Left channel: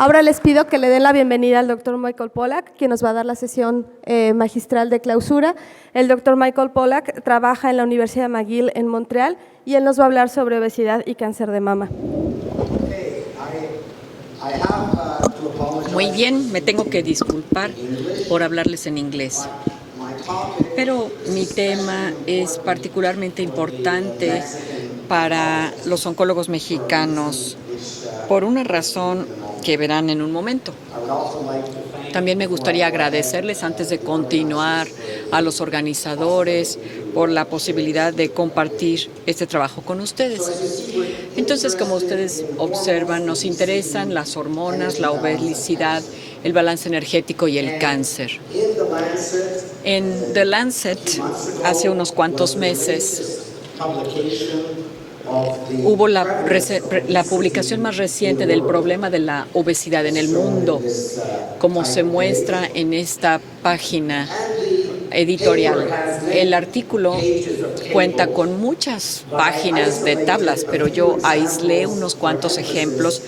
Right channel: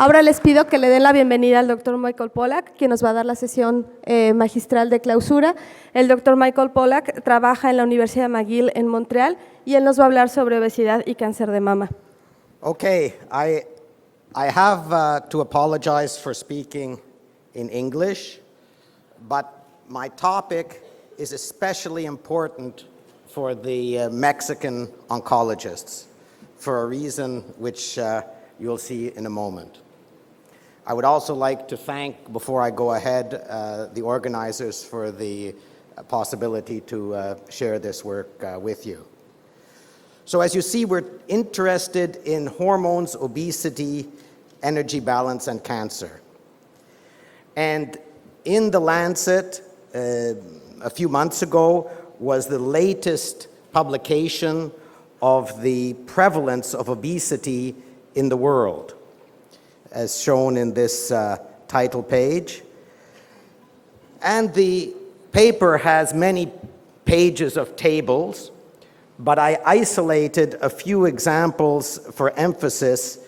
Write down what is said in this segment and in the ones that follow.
Ahora les pido que le den la bienvenida al doctor Michael Pollack, quien nos va a dar la sesión magistral de clausura. El doctor Michael Pollack trabaja en la Universidad de McGill en Montreal y él nos va a hablar sobre obesidad y cáncer de mama. Muy bien, me tengo que disculpar por hablarles en inglés. Pero mi tema es particularmente importante para los oncólogos mexicanos por una razón que verán en un momento. También me gustaría agradecerles antes de continuar a los organizadores por la posibilidad de compartir este trabajo con ustedes. Entonces, como ustedes observan, nos interesan las hormonas, la obesidad, el balance energético y el cáncer. En The Lancet, hace unos cuantos meses, hubo la publicación más reciente del problema de la obesidad en el mundo, como se muestra en esta página editorial. El artículo cuenta con muchas páginas de tablas, pero yo aislé unos cuantos ejemplos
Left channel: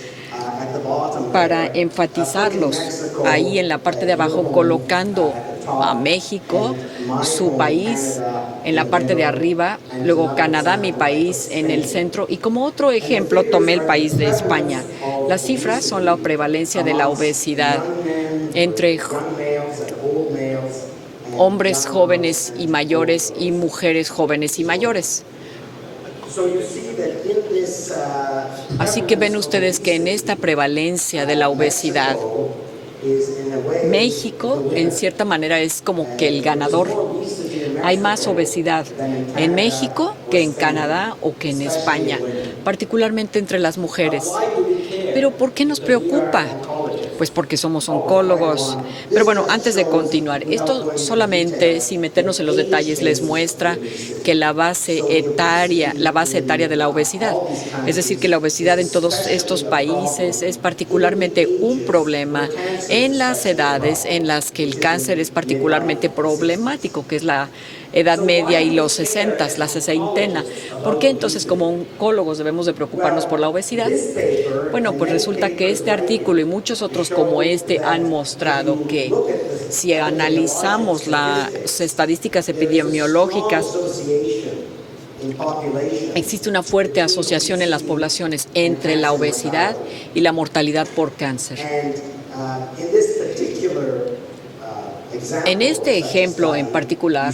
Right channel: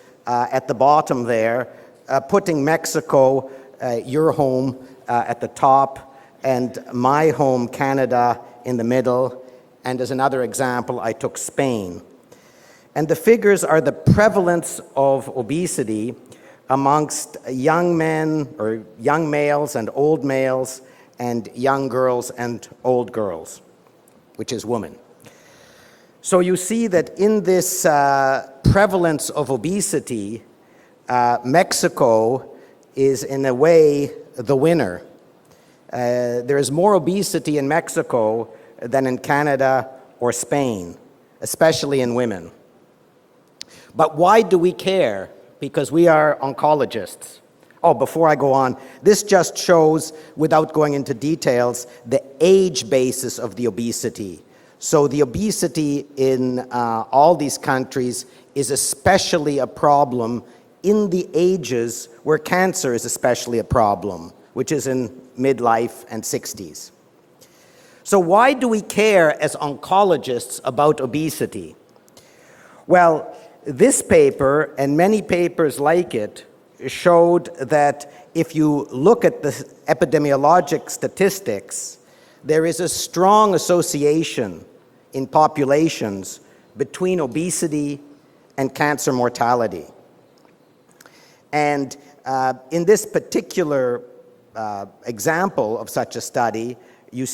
para enfatizarlos. Ahí en la parte de abajo, colocando a México, su país, en la parte de arriba, luego Canadá, mi país, en el centro, y como otro ejemplo tomé el país de España. Las cifras son la prevalencia de la obesidad entre hombres jóvenes y mayores y mujeres jóvenes y mayores. Así que ven ustedes que en esta prevalencia de la obesidad, México, en cierta manera, es como que el ganador. Hay más obesidad en México que en Canadá o que en España, particularmente entre las mujeres. Pero ¿por qué nos preocupa? Pues porque somos oncólogos. Pero bueno, antes de continuar, esto solamente, sin meternos en los detalles, les muestra que la base etaria de la obesidad, es decir, que la obesidad en todos estos países es particularmente un problema en las edades en las que el cáncer es particularmente problemático, que es la edad media y los 60, la sesentena. ¿Por qué entonces como oncólogos debemos de preocuparnos por la obesidad? Bueno, pues resulta que este artículo y muchos otros como este han mostrado que si analizamos las estadísticas epidemiológicas, existe una fuerte asociación en las poblaciones entre la obesidad y la mortalidad por cáncer. En este ejemplo en particular,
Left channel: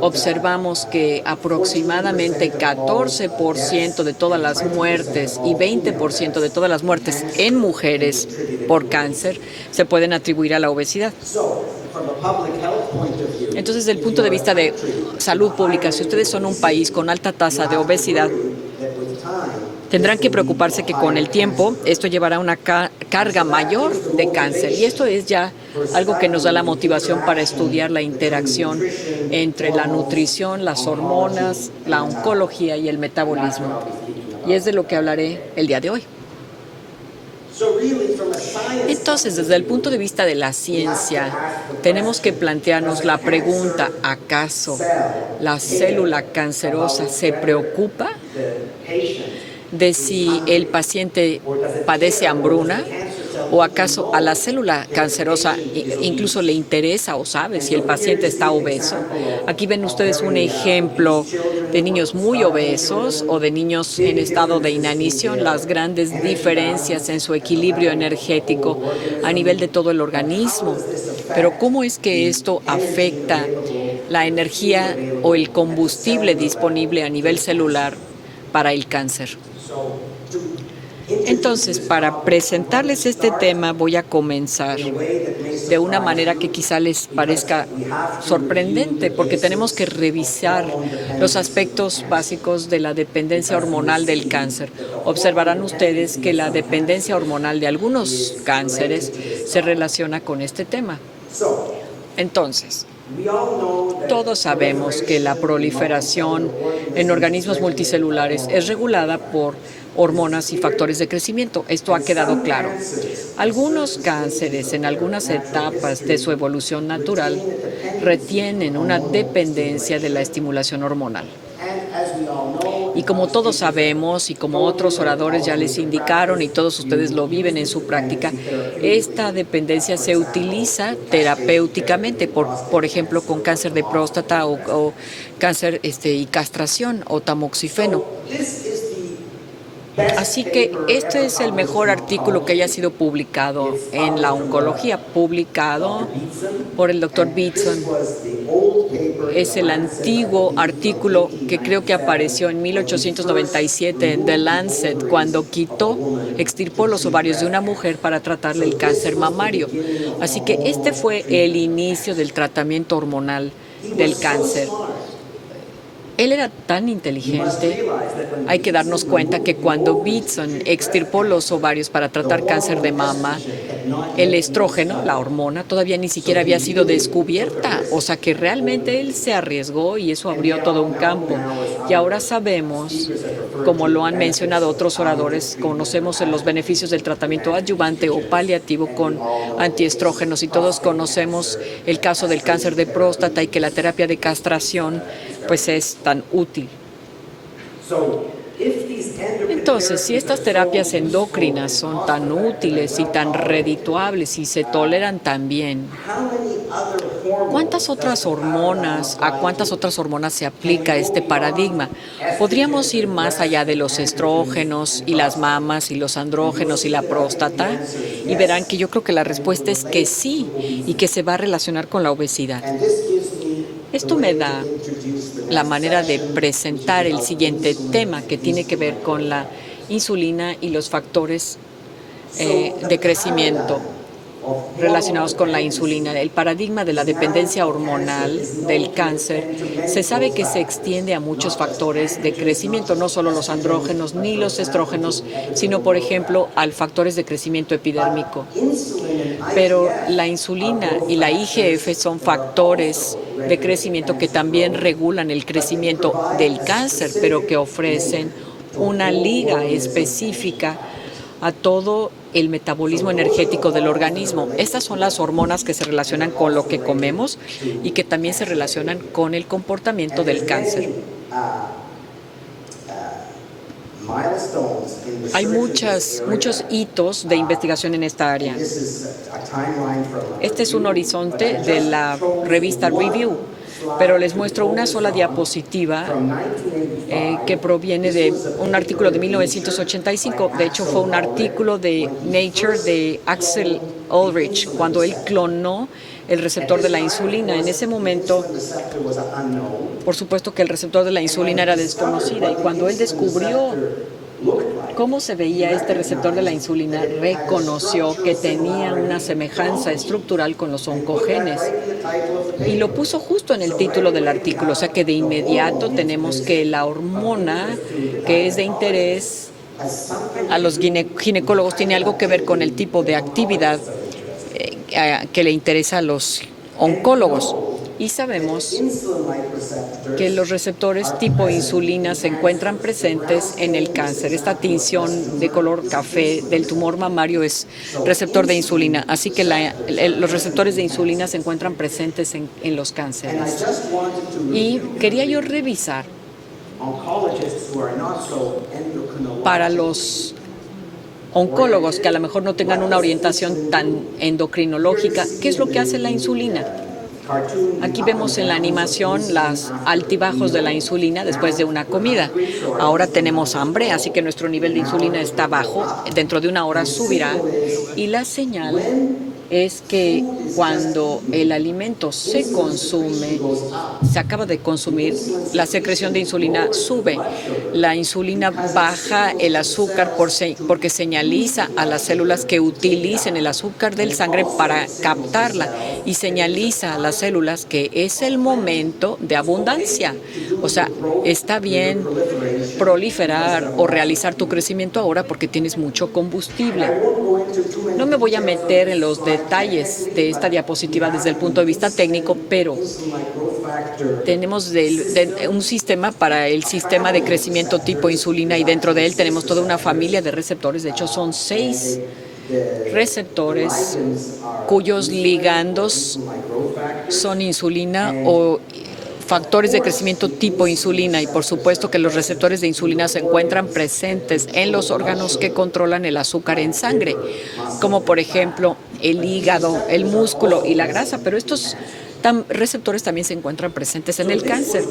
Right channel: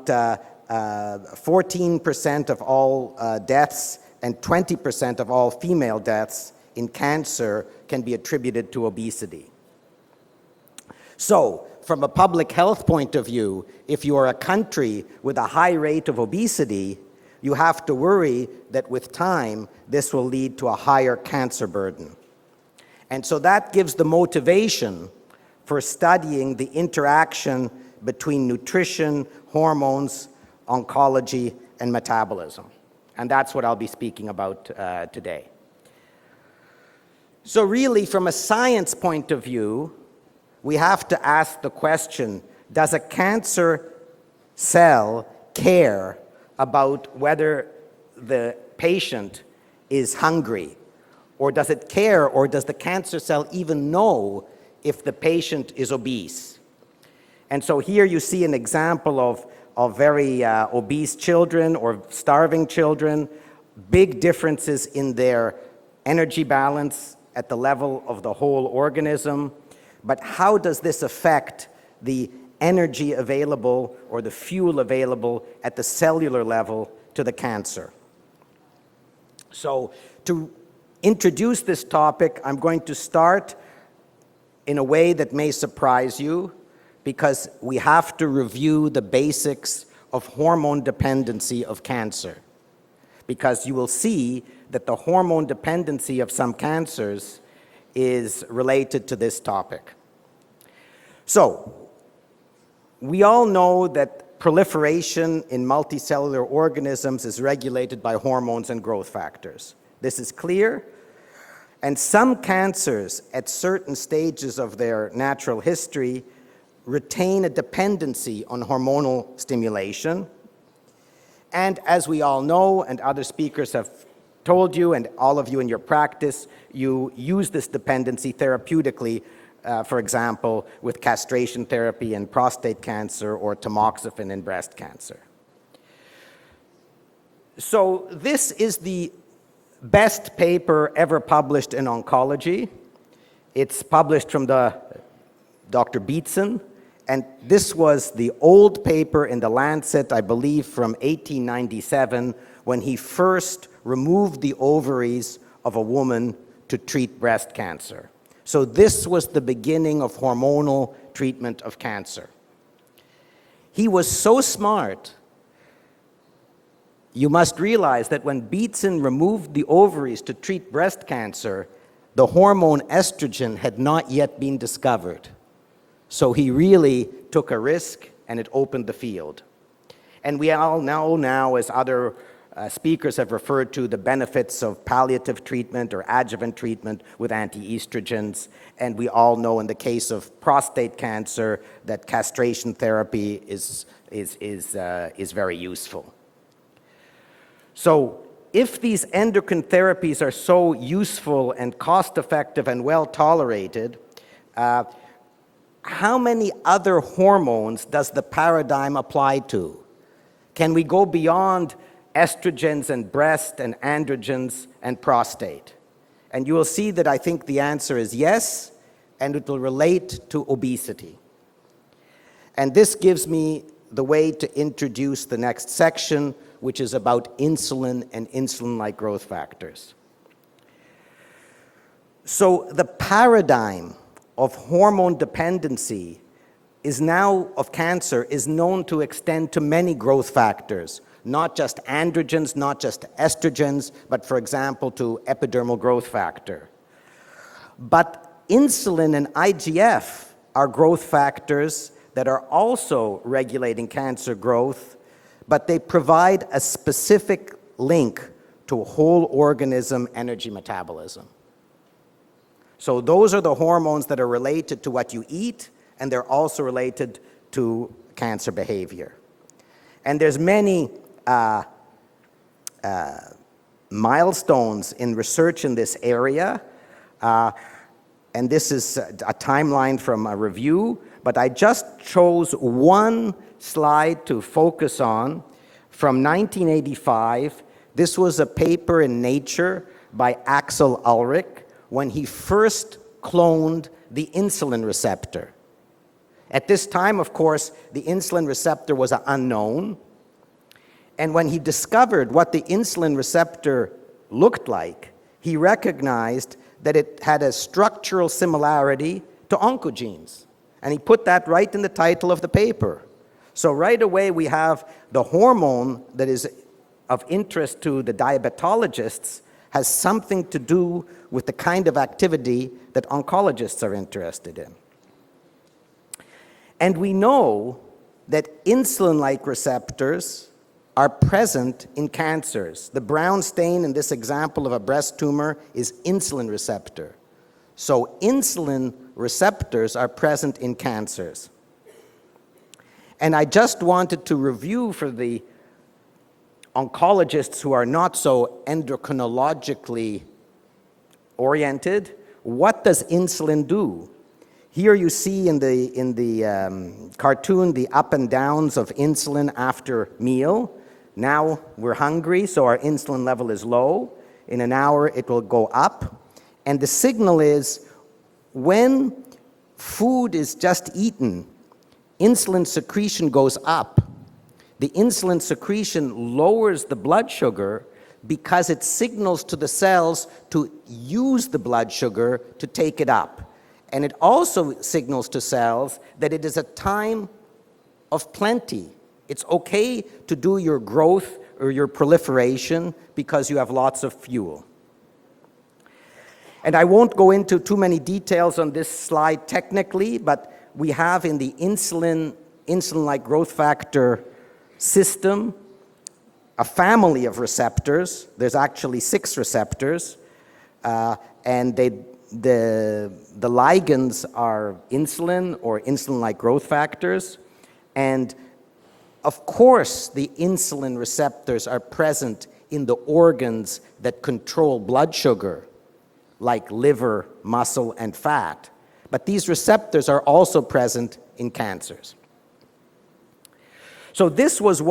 observamos que aproximadamente 14% de todas las muertes y 20% de todas las muertes en mujeres por cáncer se pueden atribuir a la obesidad. Entonces, desde el punto de vista de salud pública, si ustedes son un país con alta tasa de obesidad, tendrán que preocuparse que con el tiempo esto llevará una carga mayor de cáncer. Y esto es ya algo que nos da la motivación para estudiar la interacción entre la nutrición, las hormonas, la oncología y el metabolismo. Y es de lo que hablaré el día de hoy. Entonces, desde el punto de vista de la ciencia, tenemos que plantearnos la pregunta: ¿acaso la célula cancerosa se preocupa de si el paciente padece hambruna, o acaso a la célula cancerosa incluso le interesa o sabe si el paciente está obeso? Aquí ven ustedes un ejemplo de niños muy obesos o de niños en estado de inanición, las grandes diferencias en su equilibrio energético a nivel de todo el organismo. Pero ¿cómo es que esto afecta la energía o el combustible disponible a nivel celular para el cáncer? Entonces, para presentarles este tema, voy a comenzar de una manera que quizá les parezca sorprendente, porque tenemos que revisar los aspectos básicos de la dependencia hormonal del cáncer. Observarán ustedes que la dependencia hormonal de algunos cánceres se relaciona con este tema. Entonces, Todos sabemos que la proliferación en organismos multicelulares es regulada por hormonas y factores de crecimiento. Esto ha quedado claro. Algunos cánceres en algunas etapas de su evolución natural retienen una dependencia de la estimulación hormonal. Y como todos sabemos y como otros oradores ya les indicaron y todos ustedes lo viven en su práctica, esta dependencia se utiliza terapéuticamente, por ejemplo, con cáncer de próstata o cáncer y castración o tamoxifeno. Así que este es el mejor artículo que haya sido publicado en la oncología, publicado por el Dr. Beatson. Es el antiguo artículo que creo que apareció en 1897 en The Lancet, cuando extirpó los ovarios de una mujer para tratar del cáncer mamario. Así que este fue el inicio del tratamiento hormonal del cáncer. Él era tan inteligente. Hay que darnos cuenta que cuando Beatson extirpó los ovarios para tratar cáncer de mama, el estrógeno, la hormona, todavía ni siquiera había sido descubierta. O sea que realmente él se arriesgó y eso abrió todo un campo. Y ahora sabemos, como lo han mencionado otros oradores, conocemos los beneficios del tratamiento adyuvante o paliativo con antiestrógenos y todos conocemos el caso del cáncer de próstata y que la terapia de castración pues es tan útil. Entonces, si estas terapias endocrinas son tan útiles y tan redituables y se toleran tan bien, ¿cuántas otras hormonas se aplica este paradigma? Podríamos ir más allá de los estrógenos y las mamas y los andrógenos y la próstata, y verán que yo creo que la respuesta es que sí, y que se va a relacionar con la obesidad. Esto me da la manera de presentar el siguiente tema, que tiene que ver con la insulina y los factores de crecimiento relacionados con la insulina. El paradigma de la dependencia hormonal del cáncer se sabe que se extiende a muchos factores de crecimiento, no solo los andrógenos ni los estrógenos, sino, por ejemplo, a factores de crecimiento epidérmico. Pero la insulina y la IGF son factores de crecimiento que también regulan el crecimiento del cáncer, pero que ofrecen una liga específica a todo el metabolismo energético del organismo. Estas son las hormonas que se relacionan con lo que comemos y que también se relacionan con el comportamiento del cáncer. Hay muchos hitos de investigación en esta área. Este es un horizonte de la revista Review, pero les muestro una sola diapositiva que proviene de un artículo de 1985. De hecho, fue un artículo de Nature de Axel Ulrich, cuando él clonó el receptor de la insulina. En ese momento, por supuesto que el receptor de la insulina era desconocido, y cuando él descubrió cómo se veía este receptor de la insulina, reconoció que tenía una semejanza estructural con los oncogenes y lo puso justo en el título del artículo. O sea que de inmediato tenemos que la hormona que es de interés a los ginecólogos tiene algo que ver con el tipo de actividad que le interesa a los oncólogos. Y sabemos que los receptores tipo insulina se encuentran presentes en el cáncer. Esta tinción de color café del tumor mamario es receptor de insulina. Así que los receptores de insulina se encuentran presentes en los cánceres. Y quería yo revisar para los oncólogos que a lo mejor no tengan una orientación tan endocrinológica, ¿qué es lo que hace la insulina? Aquí vemos en la animación los altibajos de la insulina después de una comida. Ahora tenemos hambre, así que nuestro nivel de insulina está bajo. Dentro de una hora subirá. Y la señal es que cuando el alimento se consume, se acaba de consumir, la secreción de insulina sube. La insulina baja el azúcar porque señaliza a las células que utilicen el azúcar del sangre para captarla y señaliza a las células que es el momento de abundancia. O sea, está bien proliferar o realizar tu crecimiento ahora porque tienes mucho combustible. No me voy a meter en los detalles de esta diapositiva desde el punto de vista técnico, pero tenemos un sistema para el sistema de crecimiento tipo insulina y dentro de él tenemos toda una familia de receptores. De hecho, son 6 receptores cuyos ligandos son insulina o factores de crecimiento tipo insulina, y por supuesto que los receptores de insulina se encuentran presentes en los órganos que controlan el azúcar en sangre, como por ejemplo el hígado, el músculo y la grasa, pero estos receptores también se encuentran presentes en el cáncer.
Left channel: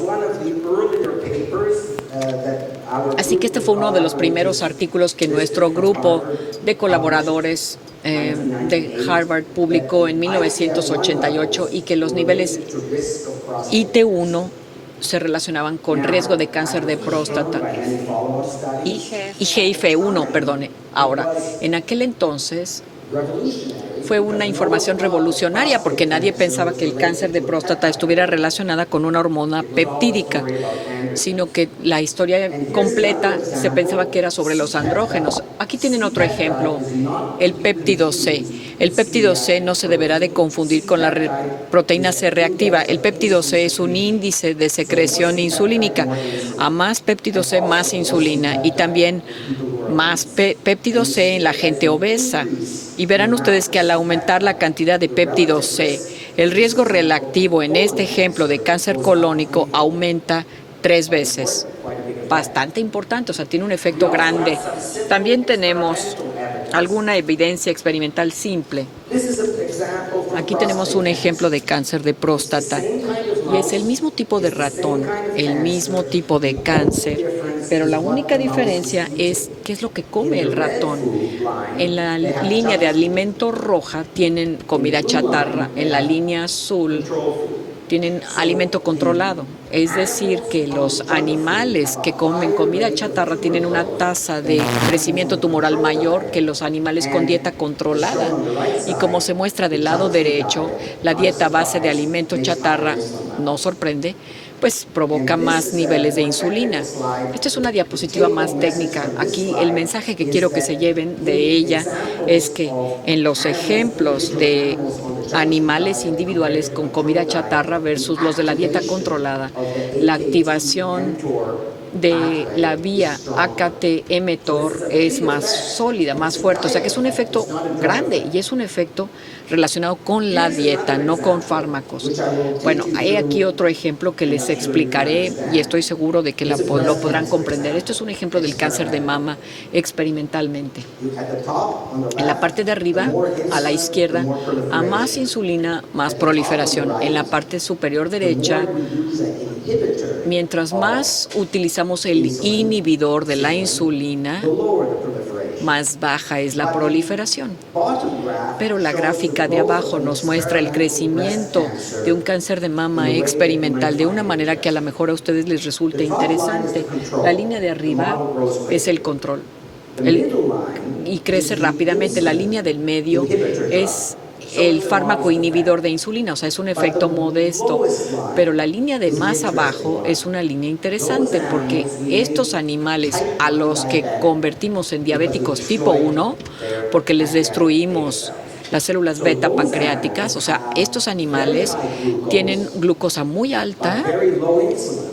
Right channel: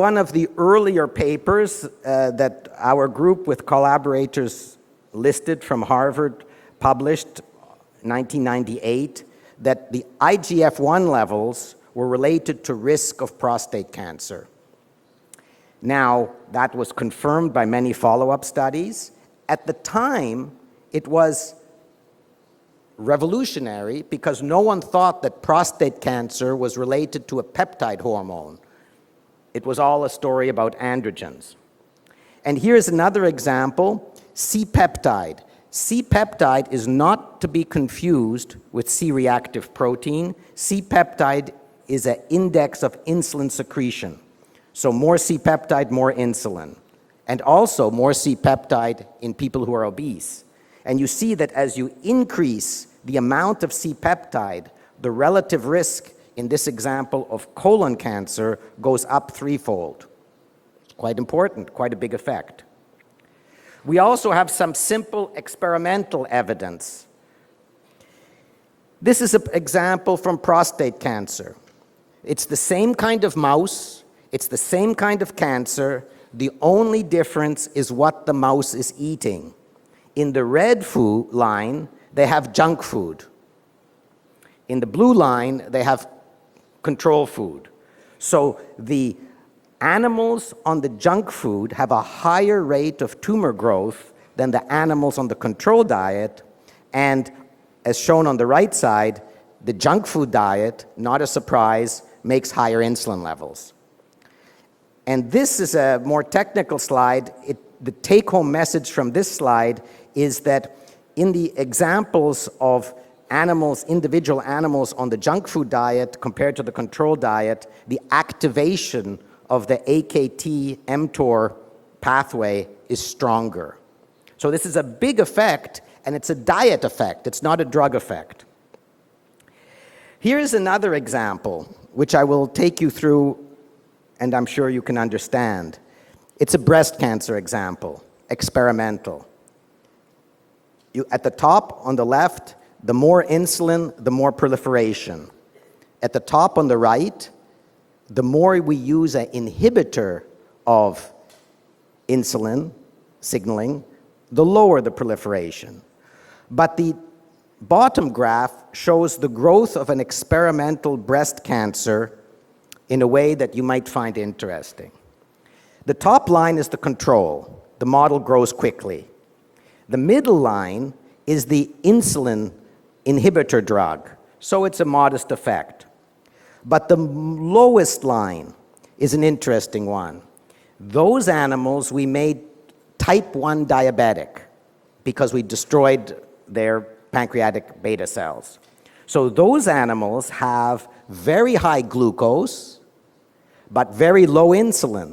Así que este fue uno de los primeros artículos que nuestro grupo de colaboradores de Harvard publicó en 1988 y que los niveles IT1 se relacionaban con riesgo de cáncer de próstata y IGF-1, perdone. Ahora, en aquel entonces fue una información revolucionaria porque nadie pensaba que el cáncer de próstata estuviera relacionada con una hormona peptídica, sino que la historia completa se pensaba que era sobre los andrógenos. Aquí tienen otro ejemplo, el péptido C. El péptido C no se deberá de confundir con la proteína C reactiva. El péptido C es un índice de secreción insulínica. A más péptido C, más insulina, y también más péptido C en la gente obesa. Y verán ustedes que al aumentar la cantidad de péptido C, el riesgo relativo en este ejemplo de cáncer colónico aumenta 3 veces. Bastante importante, o sea, tiene un efecto grande. También tenemos alguna evidencia experimental simple. Aquí tenemos un ejemplo de cáncer de próstata. Es el mismo tipo de ratón, el mismo tipo de cáncer, pero la única diferencia es qué es lo que come el ratón. En la línea de alimento roja tienen comida chatarra, en la línea azul tienen alimento controlado. Es decir, que los animales que comen comida chatarra tienen una tasa de crecimiento tumoral mayor que los animales con dieta controlada. Y como se muestra del lado derecho, la dieta base de alimento chatarra, no sorprende, pues provoca más niveles de insulina. Esta es una diapositiva más técnica. Aquí el mensaje que quiero que se lleven de ella es que en los ejemplos de animales individuales con comida chatarra versus los de la dieta controlada, la activación de la vía AKT-mTOR es más sólida, más fuerte. O sea que es un efecto grande y es un efecto relacionado con la dieta, no con fármacos. Bueno, hay aquí otro ejemplo que les explicaré y estoy seguro de que lo podrán comprender. Esto es un ejemplo del cáncer de mama experimentalmente. En la parte de arriba, a la izquierda, a más insulina, más proliferación. En la parte superior derecha, mientras más utilizamos el inhibidor de la insulina, más baja es la proliferación. Pero la gráfica de abajo nos muestra el crecimiento de un cáncer de mama experimental de una manera que a lo mejor a ustedes les resulte interesante. La línea de arriba es el control y crece rápidamente. La línea del medio es el fármaco inhibidor de insulina, o sea, es un efecto modesto, pero la línea de más abajo es una línea interesante porque estos animales a los que convertimos en diabéticos tipo 1, porque les destruimos las células beta pancreáticas, o sea, estos animales tienen glucosa muy alta,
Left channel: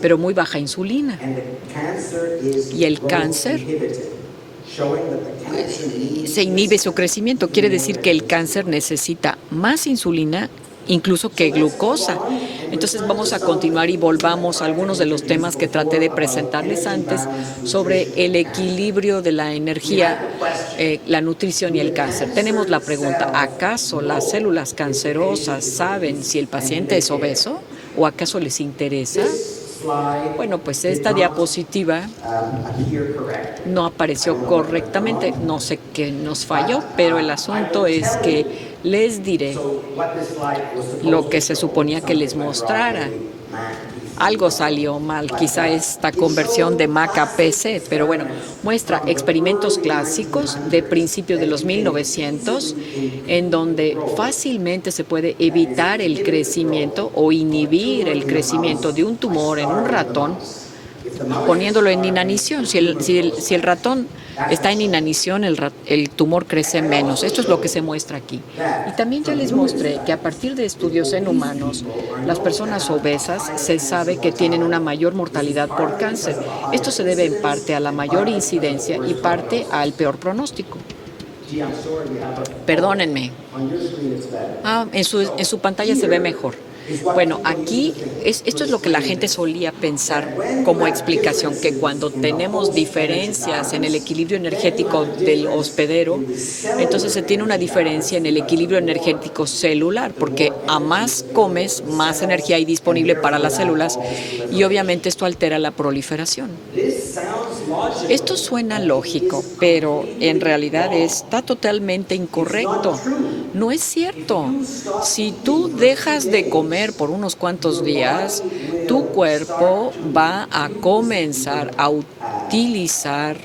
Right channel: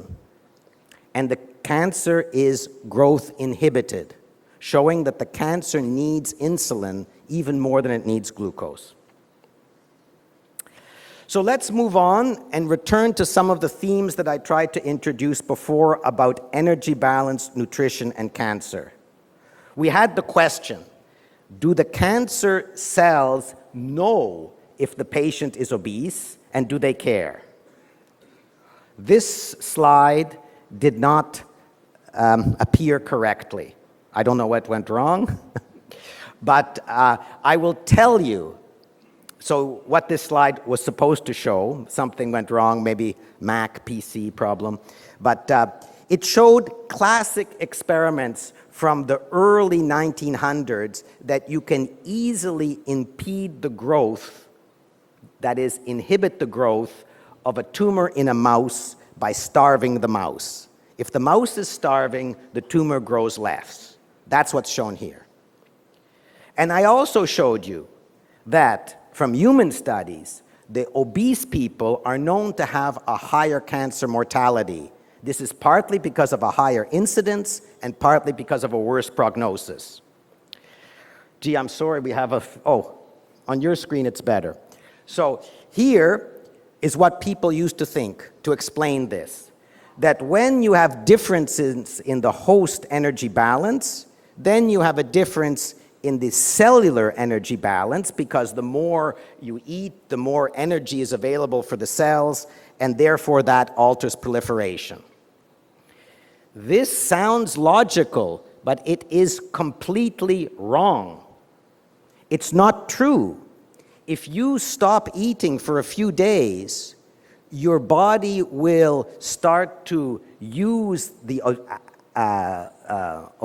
pero muy baja insulina, y el cáncer se inhibe su crecimiento. Quiere decir que el cáncer necesita más insulina incluso que glucosa. Entonces vamos a continuar y volvamos a algunos de los temas que traté de presentarles antes sobre el equilibrio de la energía, la nutrición y el cáncer. Tenemos la pregunta, ¿acaso las células cancerosas saben si el paciente es obeso o acaso les interesa? Bueno, pues esta diapositiva no apareció correctamente. No sé qué nos falló, pero el asunto es que les diré lo que se suponía que les mostrara. Algo salió mal, quizá esta conversión de MAC a PC, pero bueno, muestra experimentos clásicos de principios de los 1900 en donde fácilmente se puede evitar el crecimiento o inhibir el crecimiento de un tumor en un ratón poniéndolo en inanición. Si el ratón está en inanición, el tumor crece menos. Esto es lo que se muestra aquí. Y también ya les mostré que a partir de estudios en humanos, las personas obesas se sabe que tienen una mayor mortalidad por cáncer. Esto se debe en parte a la mayor incidencia y parte al peor pronóstico. Perdónenme. En su pantalla se ve mejor. Bueno, aquí esto es lo que la gente solía pensar como explicación, que cuando tenemos diferencias en el equilibrio energético del hospedero, entonces se tiene una diferencia en el equilibrio energético celular, porque a más comes, más energía hay disponible para las células y obviamente esto altera la proliferación. Esto suena lógico, pero en realidad está totalmente incorrecto. No es cierto. Si tú dejas de comer por unos cuantos días, tu cuerpo va a comenzar a utilizar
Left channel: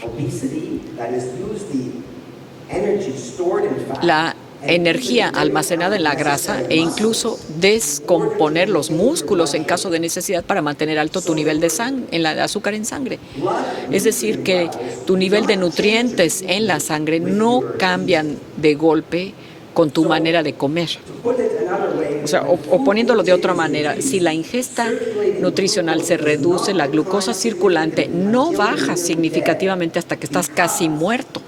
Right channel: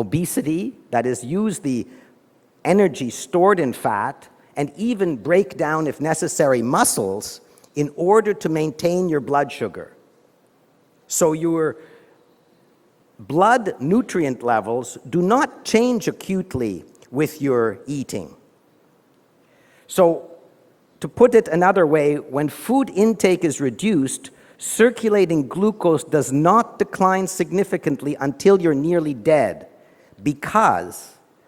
la energía almacenada en la grasa e incluso descomponer los músculos en caso de necesidad para mantener alto tu nivel de azúcar en sangre. Es decir, que tu nivel de nutrientes en la sangre no cambian de golpe con tu manera de comer. O poniéndolo de otra manera, si la ingesta nutricional se reduce, la glucosa circulante no baja significativamente hasta que estás casi muerto.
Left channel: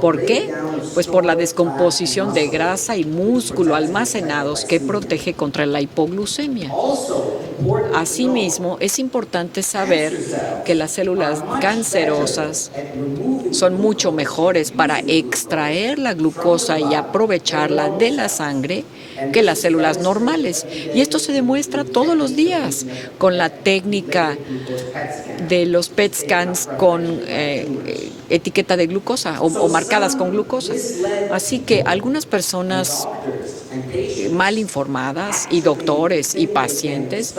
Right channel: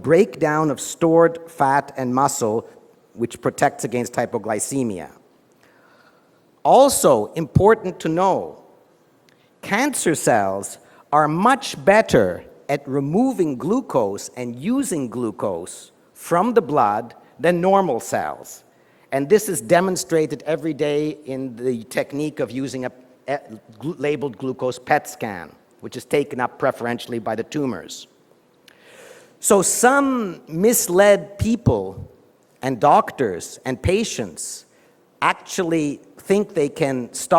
¿Por qué? Pues por la descomposición de grasa y músculo almacenados que protege contra la hipoglucemia. Asimismo, es importante saber que las células cancerosas son mucho mejores para extraer la glucosa y aprovecharla de la sangre que las células normales. Y esto se demuestra todos los días con la técnica de los PET scans con etiqueta de glucosa o marcadas con glucosa. Así que algunas personas mal informadas y doctores y pacientes,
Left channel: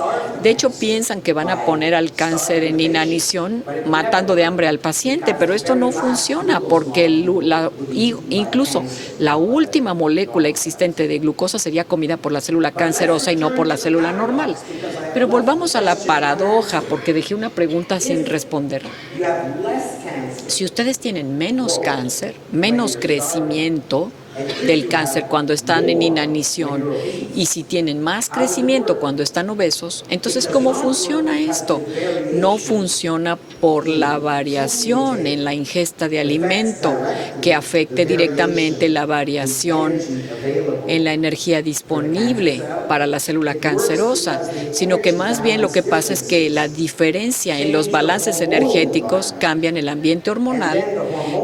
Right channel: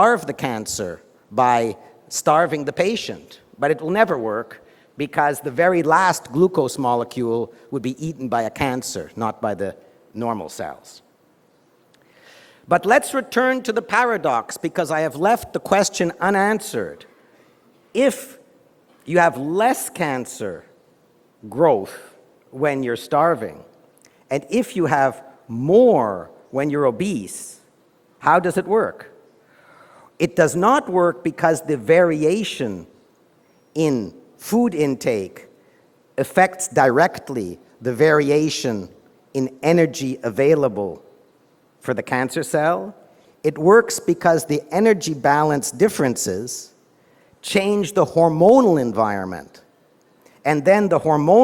de hecho piensan que van a poner al cáncer en inanición matando de hambre al paciente, pero esto no funciona porque incluso la última molécula existente de glucosa sería comida por la célula cancerosa y no por la célula normal. Pero volvamos a la paradoja porque dejé una pregunta sin responder. Si ustedes tienen menos cáncer, menos crecimiento del cáncer cuando están en inanición y si tienen más crecimiento cuando están obesos, entonces ¿cómo funciona esto? No funciona por la variación en la ingesta de alimento que afecte directamente la variación en la energía disponible para la célula cancerosa, sino que más bien lo que pasa es que la diferencia en los balances energéticos cambian el ambiente hormonal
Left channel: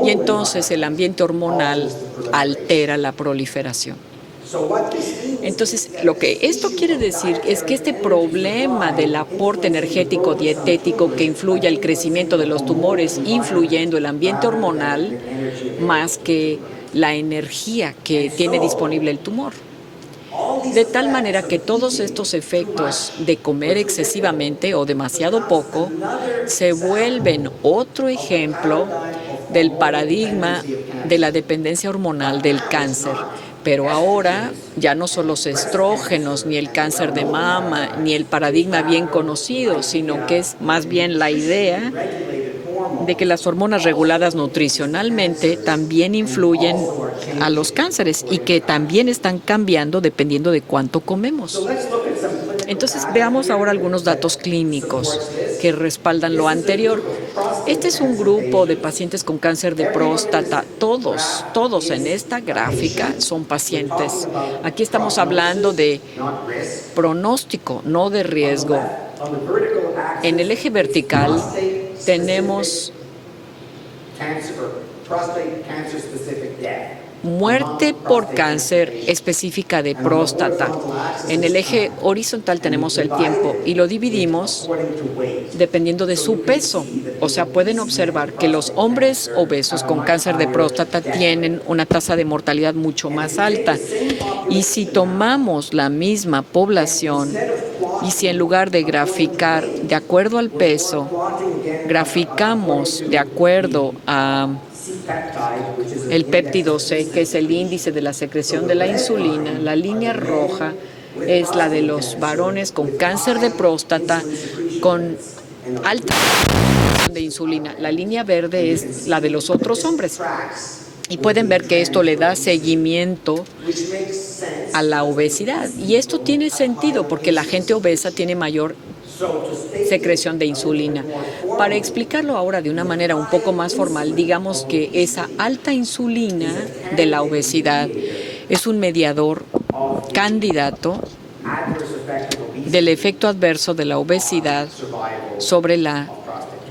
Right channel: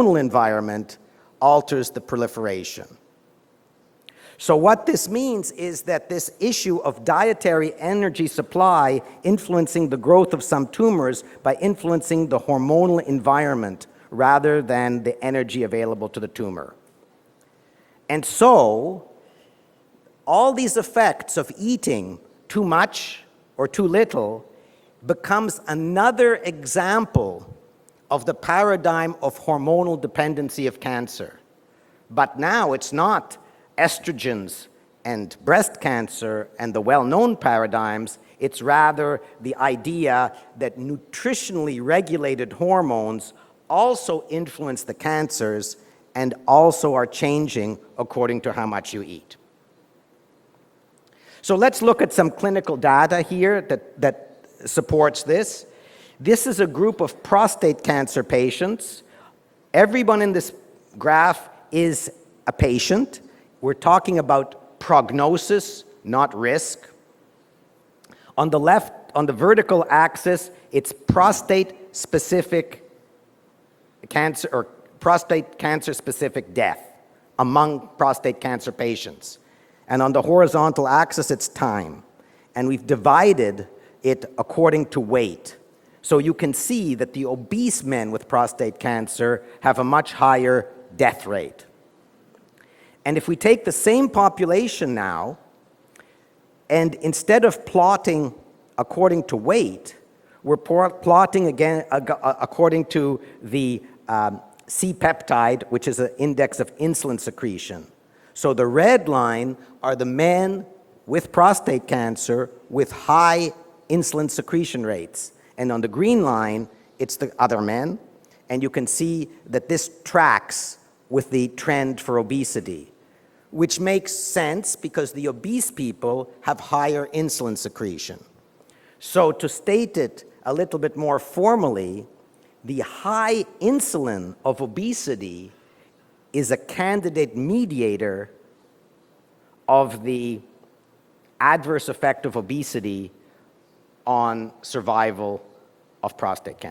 y entonces el ambiente hormonal altera la proliferación. Entonces, lo que esto quiere decir es que este problema del aporte energético dietético que influye el crecimiento de los tumores, influyendo el ambiente hormonal, más que la energía que tiene disponible el tumor. De tal manera que todos estos efectos de comer excesivamente o demasiado poco se vuelven otro ejemplo del paradigma de la dependencia hormonal del cáncer. Pero ahora ya no son los estrógenos, ni el cáncer de mama, ni el paradigma bien conocido, sino que es más bien la idea de que las hormonas reguladas nutricionalmente también influyen a los cánceres y que también están cambiando dependiendo de cuánto comemos. Entonces veamos ahora algunos datos clínicos que respaldan lo anterior. Este es un grupo de pacientes con cáncer de próstata. Todos en esta gráfica son pacientes. Aquí estamos hablando de pronóstico, no de riesgo. En el eje vertical tenemos muerte por cáncer específica de próstata. En el eje horizontal tenemos el tiempo y lo dividimos dependiendo de su peso. O sea, pueden observar que los hombres obesos con cáncer de próstata tienen una tasa de mortalidad mucho más alta. Y si tomamos la misma población y si en lugar de graficar de acuerdo al peso, graficamos de acuerdo a el péptido C, que es el índice de la secreción de la insulina, la línea roja es la de los varones con cáncer de próstata con alta de insulina. La línea verde es la de los otros hombres. Y pueden ver que esto le da seguimiento a la obesidad. Y esto tiene sentido porque la gente obesa tiene mayor secreción de insulina. Para explicarlo ahora de una manera un poco más formal, digamos que esa alta insulina de la obesidad es un mediador candidato del efecto adverso de la obesidad sobre la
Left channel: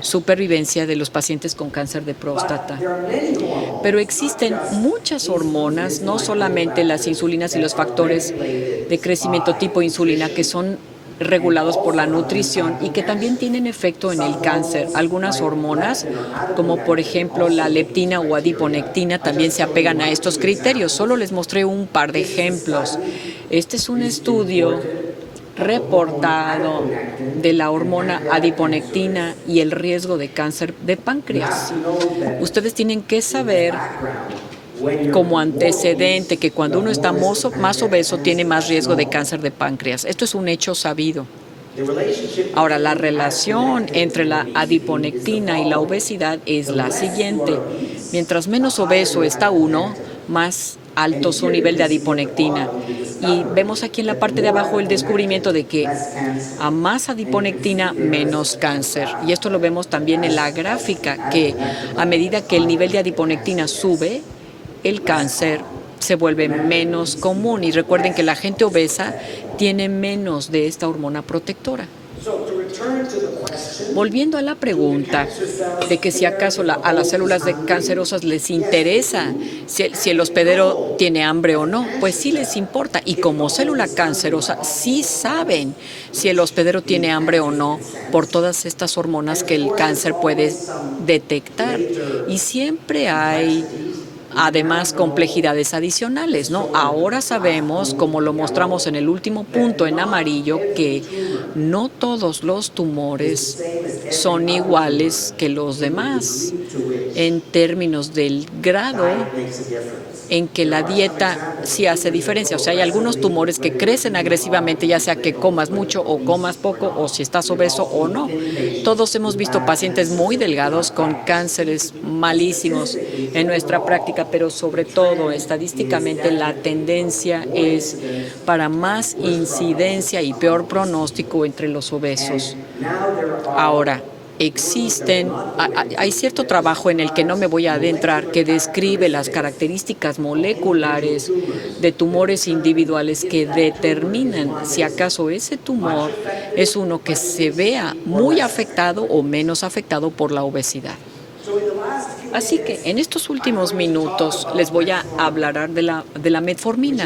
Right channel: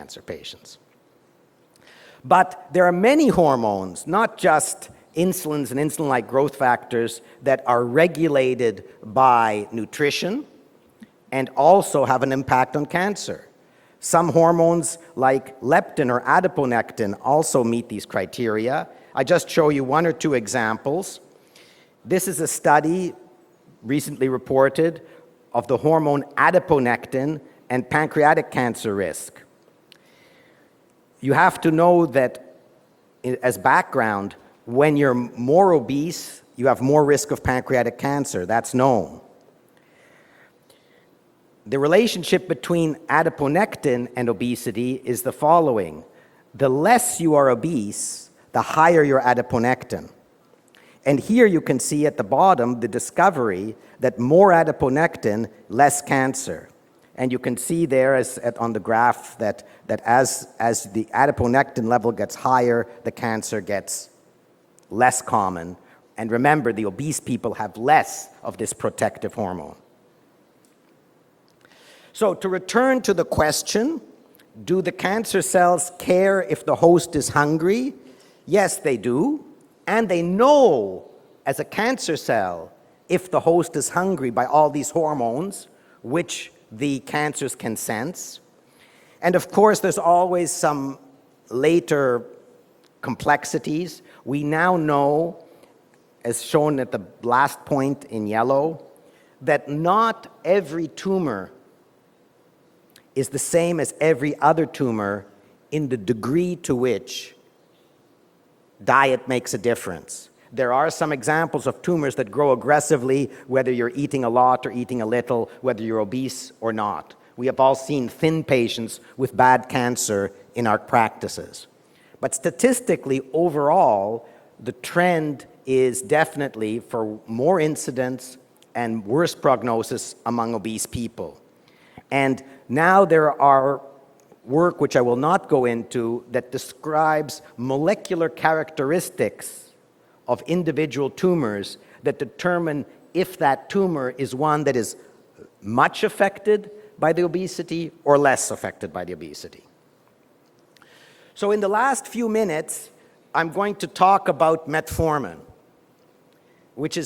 supervivencia de los pacientes con cáncer de próstata. Pero existen muchas hormonas, no solamente las insulinas y los factores de crecimiento tipo insulina, que son regulados por la nutrición y que también tienen efecto en el cáncer. Algunas hormonas, como por ejemplo la leptina o adiponectina, también se apegan a estos criterios. Solo les mostré un par de ejemplos. Este es un estudio reportado de la hormona adiponectina y el riesgo de cáncer de páncreas. Ustedes tienen que saber como antecedente que cuando uno está más obeso tiene más riesgo de cáncer de páncreas. Esto es un hecho sabido. Ahora, la relación entre la adiponectina y la obesidad es la siguiente. Mientras menos obeso está uno, más alto su nivel de adiponectina. Y vemos aquí en la parte de abajo el descubrimiento de que a más adiponectina, menos cáncer. Y esto lo vemos también en la gráfica, que a medida que el nivel de adiponectina sube, el cáncer se vuelve menos común. Y recuerden que la gente obesa tiene menos de esta hormona protectora. Volviendo a la pregunta de que si acaso a las células cancerosas les interesa si el hospedero tiene hambre o no, pues sí les importa. Y como célula cancerosa sí saben si el hospedero tiene hambre o no por todas estas hormonas que el cáncer puede detectar. Y siempre hay además complejidades adicionales, ¿no? Ahora sabemos, como lo mostramos en el último punto en amarillo, que no todos los tumores son iguales que los demás en términos del grado en que la dieta sí hace diferencia. O sea, hay algunos tumores que crecen agresivamente, ya sea que comas mucho o comas poco, o si estás obeso o no. Todos hemos visto pacientes muy delgados con cánceres malísimos en nuestra práctica, pero sobre todo estadísticamente la tendencia es para más incidencia y peor pronóstico entre los obesos. Ahora, hay cierto trabajo en el que no me voy a adentrar que describe las características moleculares de tumores individuales que determinan si acaso ese tumor es uno que se vea muy afectado o menos afectado por la obesidad. Así que en estos últimos minutos les voy a hablar de la metformina,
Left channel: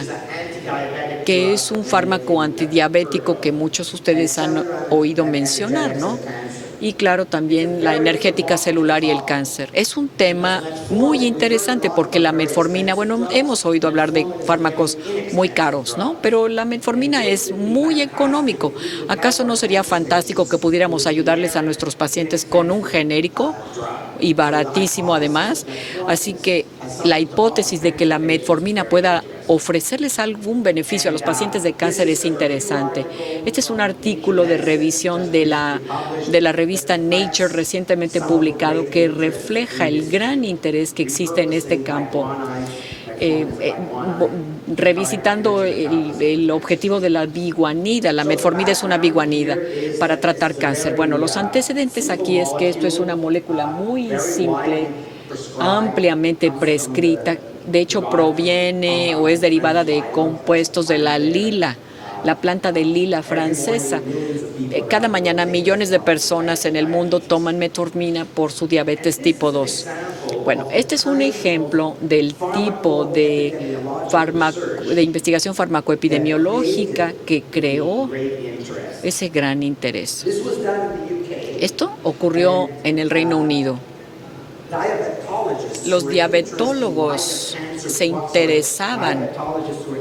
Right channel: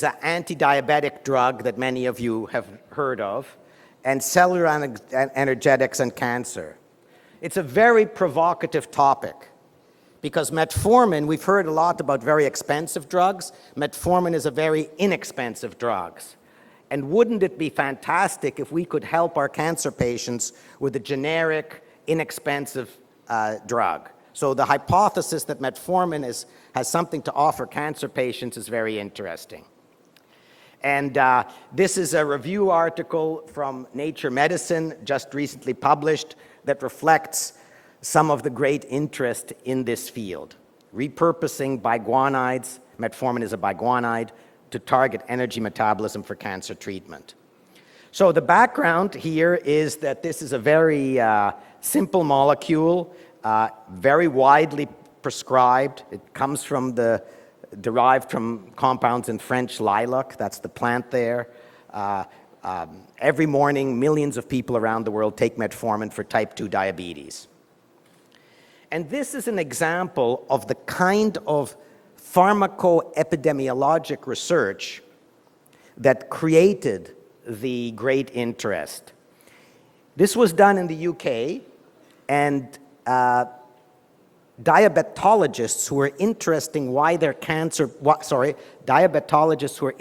que es un fármaco antidiabético que muchos de ustedes han oído mencionar, ¿no? Y claro, también la energética celular y el cáncer. Es un tema muy interesante porque la metformina, bueno, hemos oído hablar de fármacos muy caros, ¿no? Pero la metformina es muy económico. ¿Acaso no sería fantástico que pudiéramos ayudarles a nuestros pacientes con un genérico y baratísimo además? Así que la hipótesis de que la metformina pueda ofrecerles algún beneficio a los pacientes de cáncer es interesante. Este es un artículo de revisión de la revista Nature recientemente publicado que refleja el gran interés que existe en este campo. Revisitando el objetivo de la biguanida. La metformina es una biguanida para tratar cáncer. Bueno, los antecedentes aquí es que esto es una molécula muy simple, ampliamente prescrita. De hecho, proviene o es derivada de compuestos de la lila, la planta de lila francesa. Cada mañana millones de personas en el mundo toman metformina por su diabetes tipo 2. Bueno, este es un ejemplo del tipo de investigación farmacoepidemiológica que creó ese gran interés. Esto ocurrió en el Reino Unido. Los diabetólogos se interesaban,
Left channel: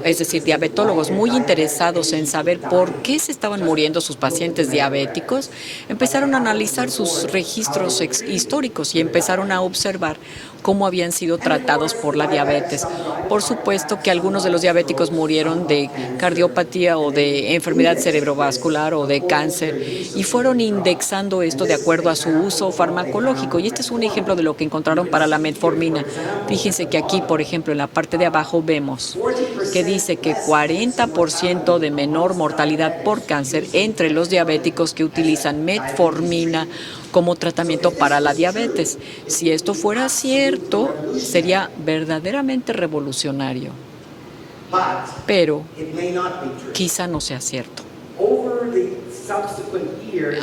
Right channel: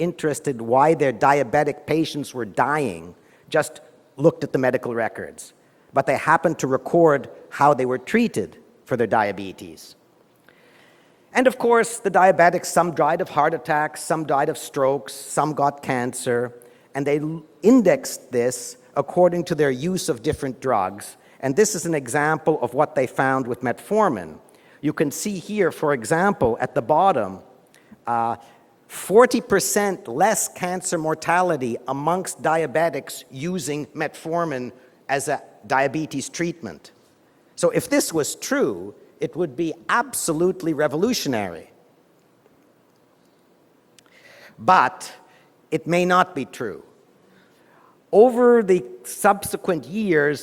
es decir, diabetólogos muy interesados en saber por qué se estaban muriendo sus pacientes diabéticos, empezaron a analizar sus registros históricos y empezaron a observar cómo habían sido tratados por la diabetes. Por supuesto que algunos de los diabéticos murieron de cardiopatía o de enfermedad cerebrovascular o de cáncer y fueron indexando esto de acuerdo a su uso farmacológico. Y este es un ejemplo de lo que encontraron para la metformina. Fíjense que aquí, por ejemplo, en la parte de abajo vemos que dice que 40% de menor mortalidad por cáncer entre los diabéticos que utilizan metformina como tratamiento para la diabetes. Si esto fuera cierto, sería verdaderamente revolucionario. Pero quizá no sea cierto.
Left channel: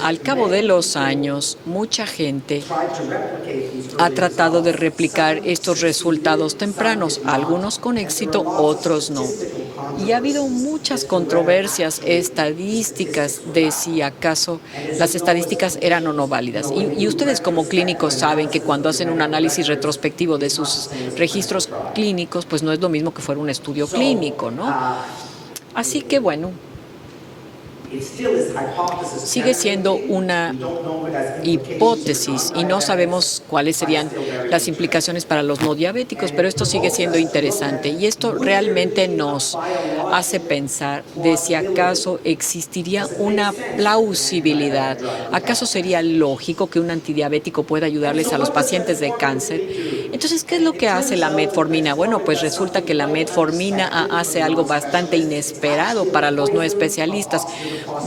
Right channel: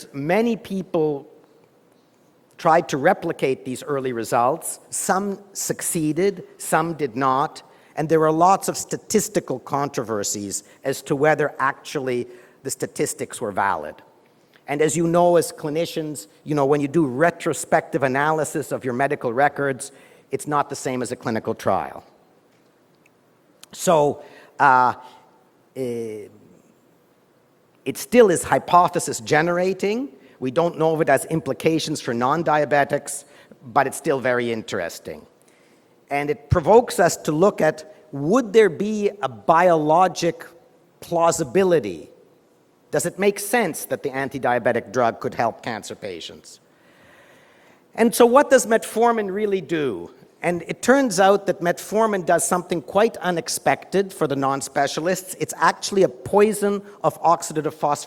Al cabo de los años, mucha gente ha tratado de replicar estos resultados tempranos, algunos con éxito, otros no. Y ha habido muchas controversias estadísticas de si acaso las estadísticas eran o no válidas. Y ustedes como clínicos saben que cuando hacen un análisis retrospectivo de sus registros clínicos, pues no es lo mismo que fuera un estudio clínico, ¿no? Así que bueno, sigue siendo una hipótesis y no sabemos cuáles serían las implicaciones para los no diabéticos, pero esto sigue siendo interesante y esto realmente nos hace pensar de si acaso existiría una plausibilidad. ¿Acaso sería lógico que un antidiabético pueda ayudarles a los pacientes de cáncer? Entonces, ¿qué es lo que hace la metformina? Bueno, pues resulta que la metformina hace algo bastante inesperado para los no especialistas.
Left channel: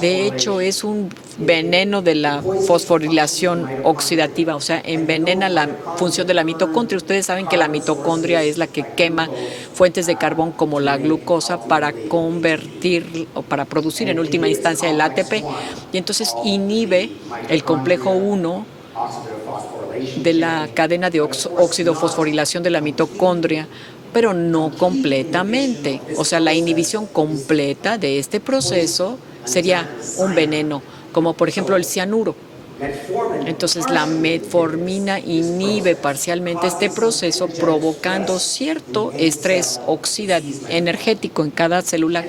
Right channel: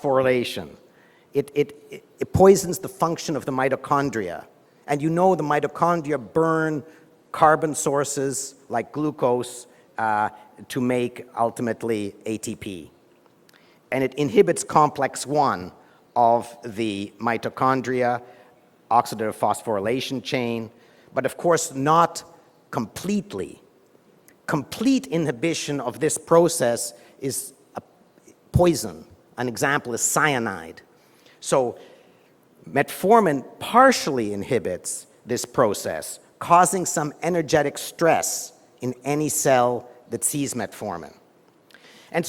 De hecho, es un veneno de la fosforilación oxidativa, o sea, envenena la función de la mitocondria. Ustedes saben que la mitocondria es la que quema fuentes de carbón como la glucosa para convertir o para producir en última instancia el ATP. Y entonces inhibe el complejo 1 de la cadena de oxidofosforilación de la mitocondria, pero no completamente. O sea, la inhibición completa de este proceso sería un veneno, como por ejemplo el cianuro. Entonces, la metformina inhibe parcialmente este proceso, provocando cierto estrés energético en cada célula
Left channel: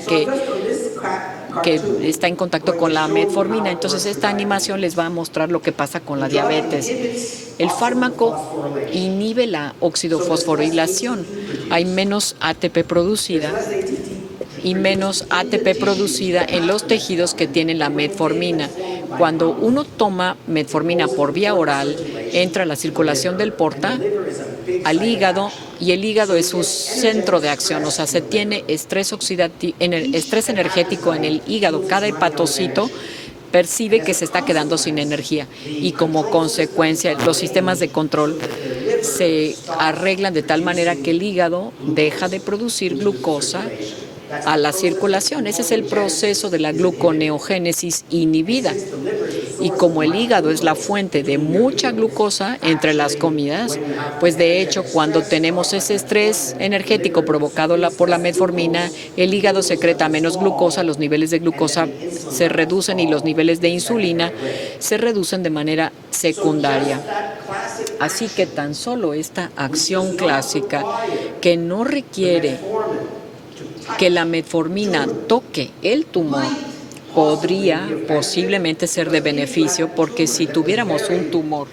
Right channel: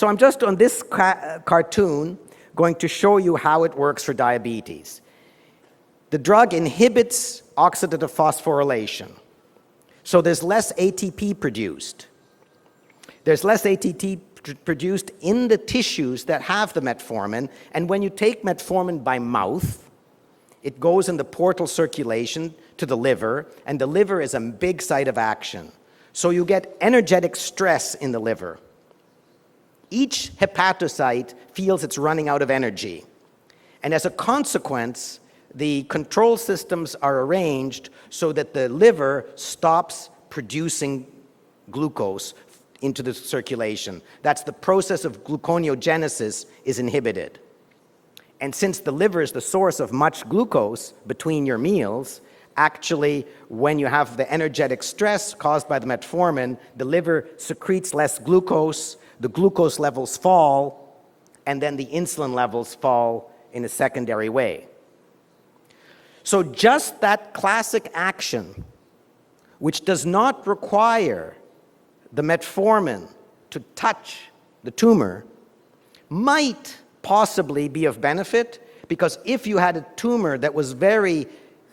que está en contacto con la metformina. Entonces, esta animación les va a mostrar lo que pasa con la diabetes. El fármaco inhibe la oxidofosforilación. Hay menos ATP producida y menos ATP producida en los tejidos que tienen la metformina. Cuando uno toma metformina por vía oral, entra a la circulación del porta al hígado y el hígado es un centro de acción, o sea, se tiene estrés energético en el hígado. Cada hepatocito percibe que se está quedando sin energía y como consecuencia los sistemas de control se arreglan de tal manera que el hígado deja de producir glucosa a la circulación. Ese es el proceso de la gluconeogénesis inhibida. Y como el hígado es la fuente de mucha glucosa entre las comidas, pues de hecho cuando tenemos ese estrés energético provocado por la metformina, el hígado secreta menos glucosa, los niveles de glucosa se reducen y los niveles de insulina se reducen de manera secundaria. Así que tan solo esta acción clásica que no requiere que la metformina toque el tumor podría posiblemente ser de beneficio, porque si tuviéramos un tumor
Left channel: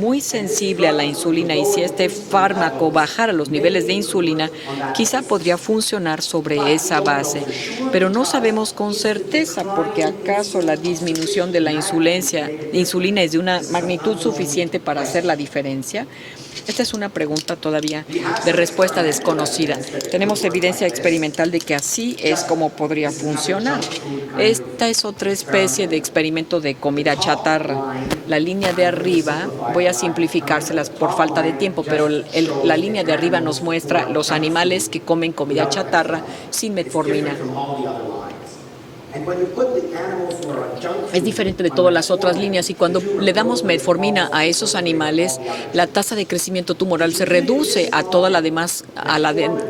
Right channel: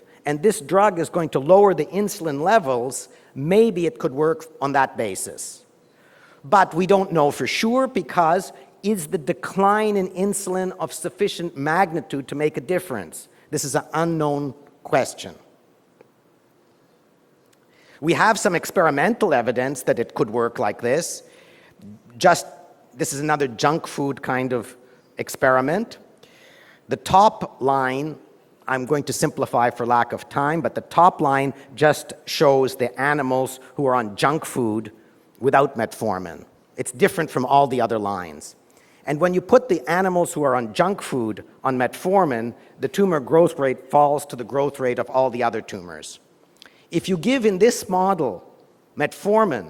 muy sensible a la insulina y si este fármaco bajara los niveles de insulina, quizá podría funcionar sobre esa base. Pero no sabemos con certeza, porque acaso la disminución de la insulina es de una magnitud suficiente para hacer la diferencia. Esta es una pregunta todavía de respuesta desconocida. Tenemos evidencia experimental de que así es como podría funcionar. Esta es otra especie de experimento de comida chatarra. La línea de arriba, voy a simplificárselas por falta de tiempo, pero la línea de arriba nos muestra los animales que comen comida chatarra sin metformina. Es diferente de todas las otras líneas y cuando le damos metformina a esos animales, la tasa de crecimiento tumoral se reduce a toda la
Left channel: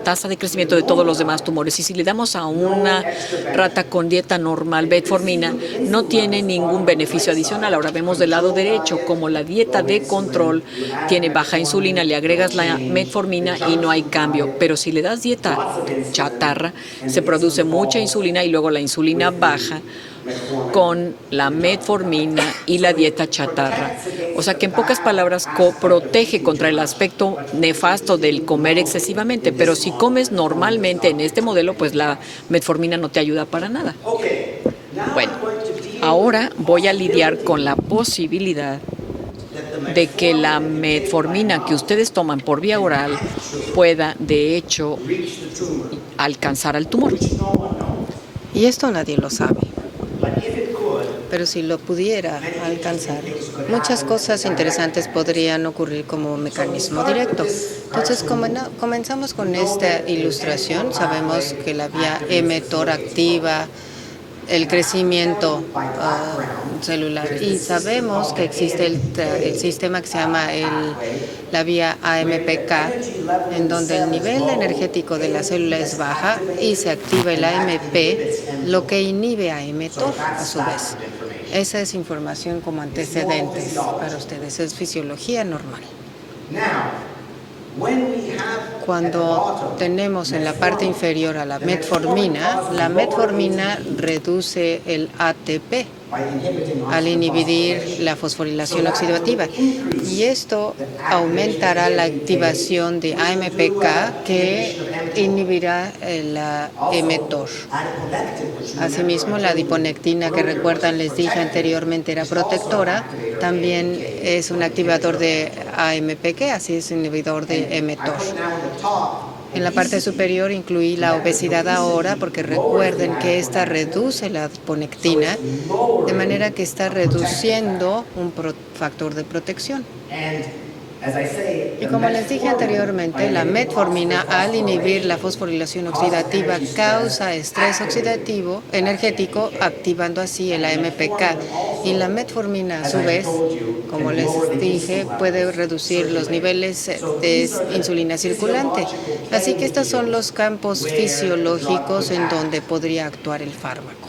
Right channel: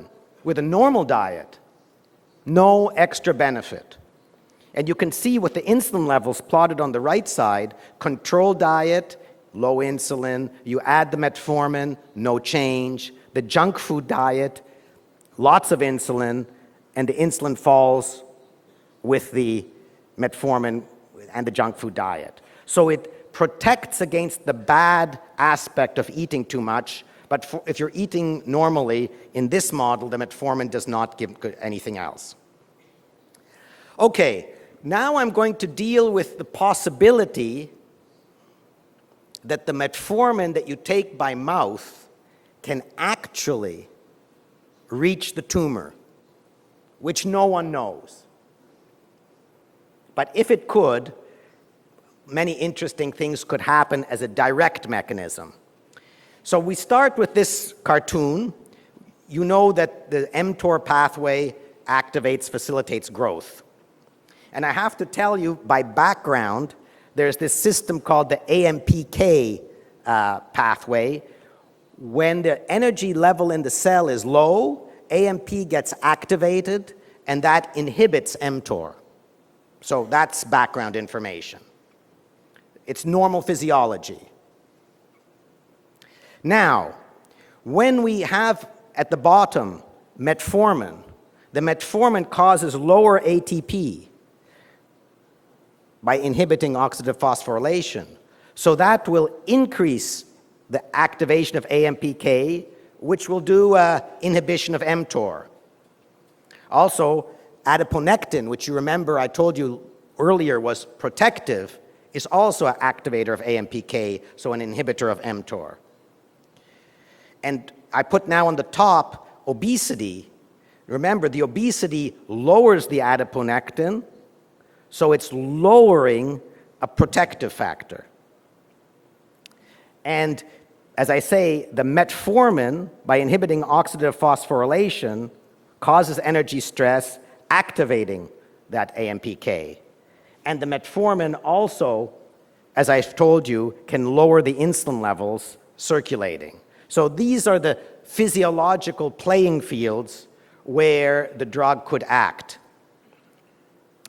tasa de crecimiento de todos los demás tumores. Y si le damos a una rata con dieta normal metformina, no tiene ningún beneficio adicional. Ahora vemos del lado derecho como la dieta de control tiene baja insulina, le agregas la metformina y no hay cambio. Pero si le das dieta chatarra, se produce mucha insulina y luego la insulina línea baja con la metformina y la dieta chatarra. O sea que en pocas palabras protege contra el aspecto nefasto del comer excesivamente, pero si comes normalmente en este modelo, pues la metformina no te ayuda para nada. Bueno, ahora voy a lidiar con la posibilidad de que la metformina que ustedes toman por vía oral pueda, de hecho, alcanzar al tumor. Y esto nadie lo sabe. Pero si lo pudiera alcanzar, muchas cosas interesantes podrían ocurrir como mecanismo directo. Entonces, comenzamos con esta ilustración. Sabemos que la vía mTOR activa el crecimiento celular y sabemos que existe el sistema que se llama la vía AMPK, en donde el nivel energético de la célula es baja y se activa el AMP, lo que inhibe a mTOR a su vez. Esa es información como antecedentes para ustedes, es fisiología normal. Cuando tenemos en la parte inferior a la metformina reduce el ATP al inhibir la fosforilación oxidativa. Y esto aumentará la activación de AMPK que inhibirá la mTOR. Asimismo, la adiponectina, que recuerdan, les dije anteriormente, era protectora, también es un activador de AMPK, así es inhibidor de mTOR. En la parte superior incluí la obesidad ahora, porque recuerden que esta reduce la adiponectina, de manera que está reduciendo un factor de protección. Y como les dije anteriormente, la metformina, al inhibir la fosforilación oxidativa, causa estrés oxidativo energético, activando así el AMPK. Y la metformina, a su vez, como les dije, puede reducir los niveles de insulina circulante. Así que estos son los campos fisiológicos en donde podría actuar el fármaco.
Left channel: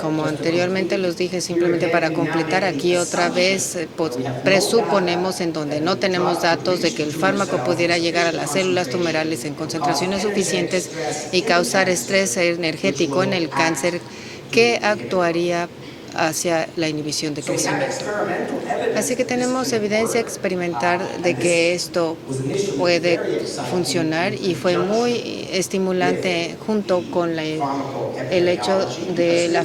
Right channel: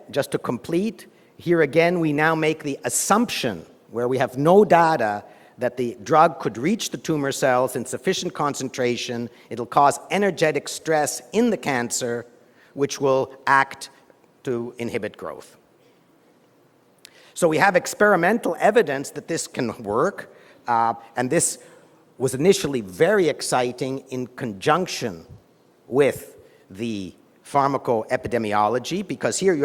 Como anteriormente los dije, simplemente para completar aquí otra vez, presuponemos en donde no tenemos datos de que el fármaco pudiera llegar a las células tumorales en concentraciones suficientes y causar estrés energético en el cáncer que actuaría hacia la inhibición de crecimiento. Así que tenemos evidencia experimental de que esto puede funcionar y fue muy estimulante junto con el hecho de la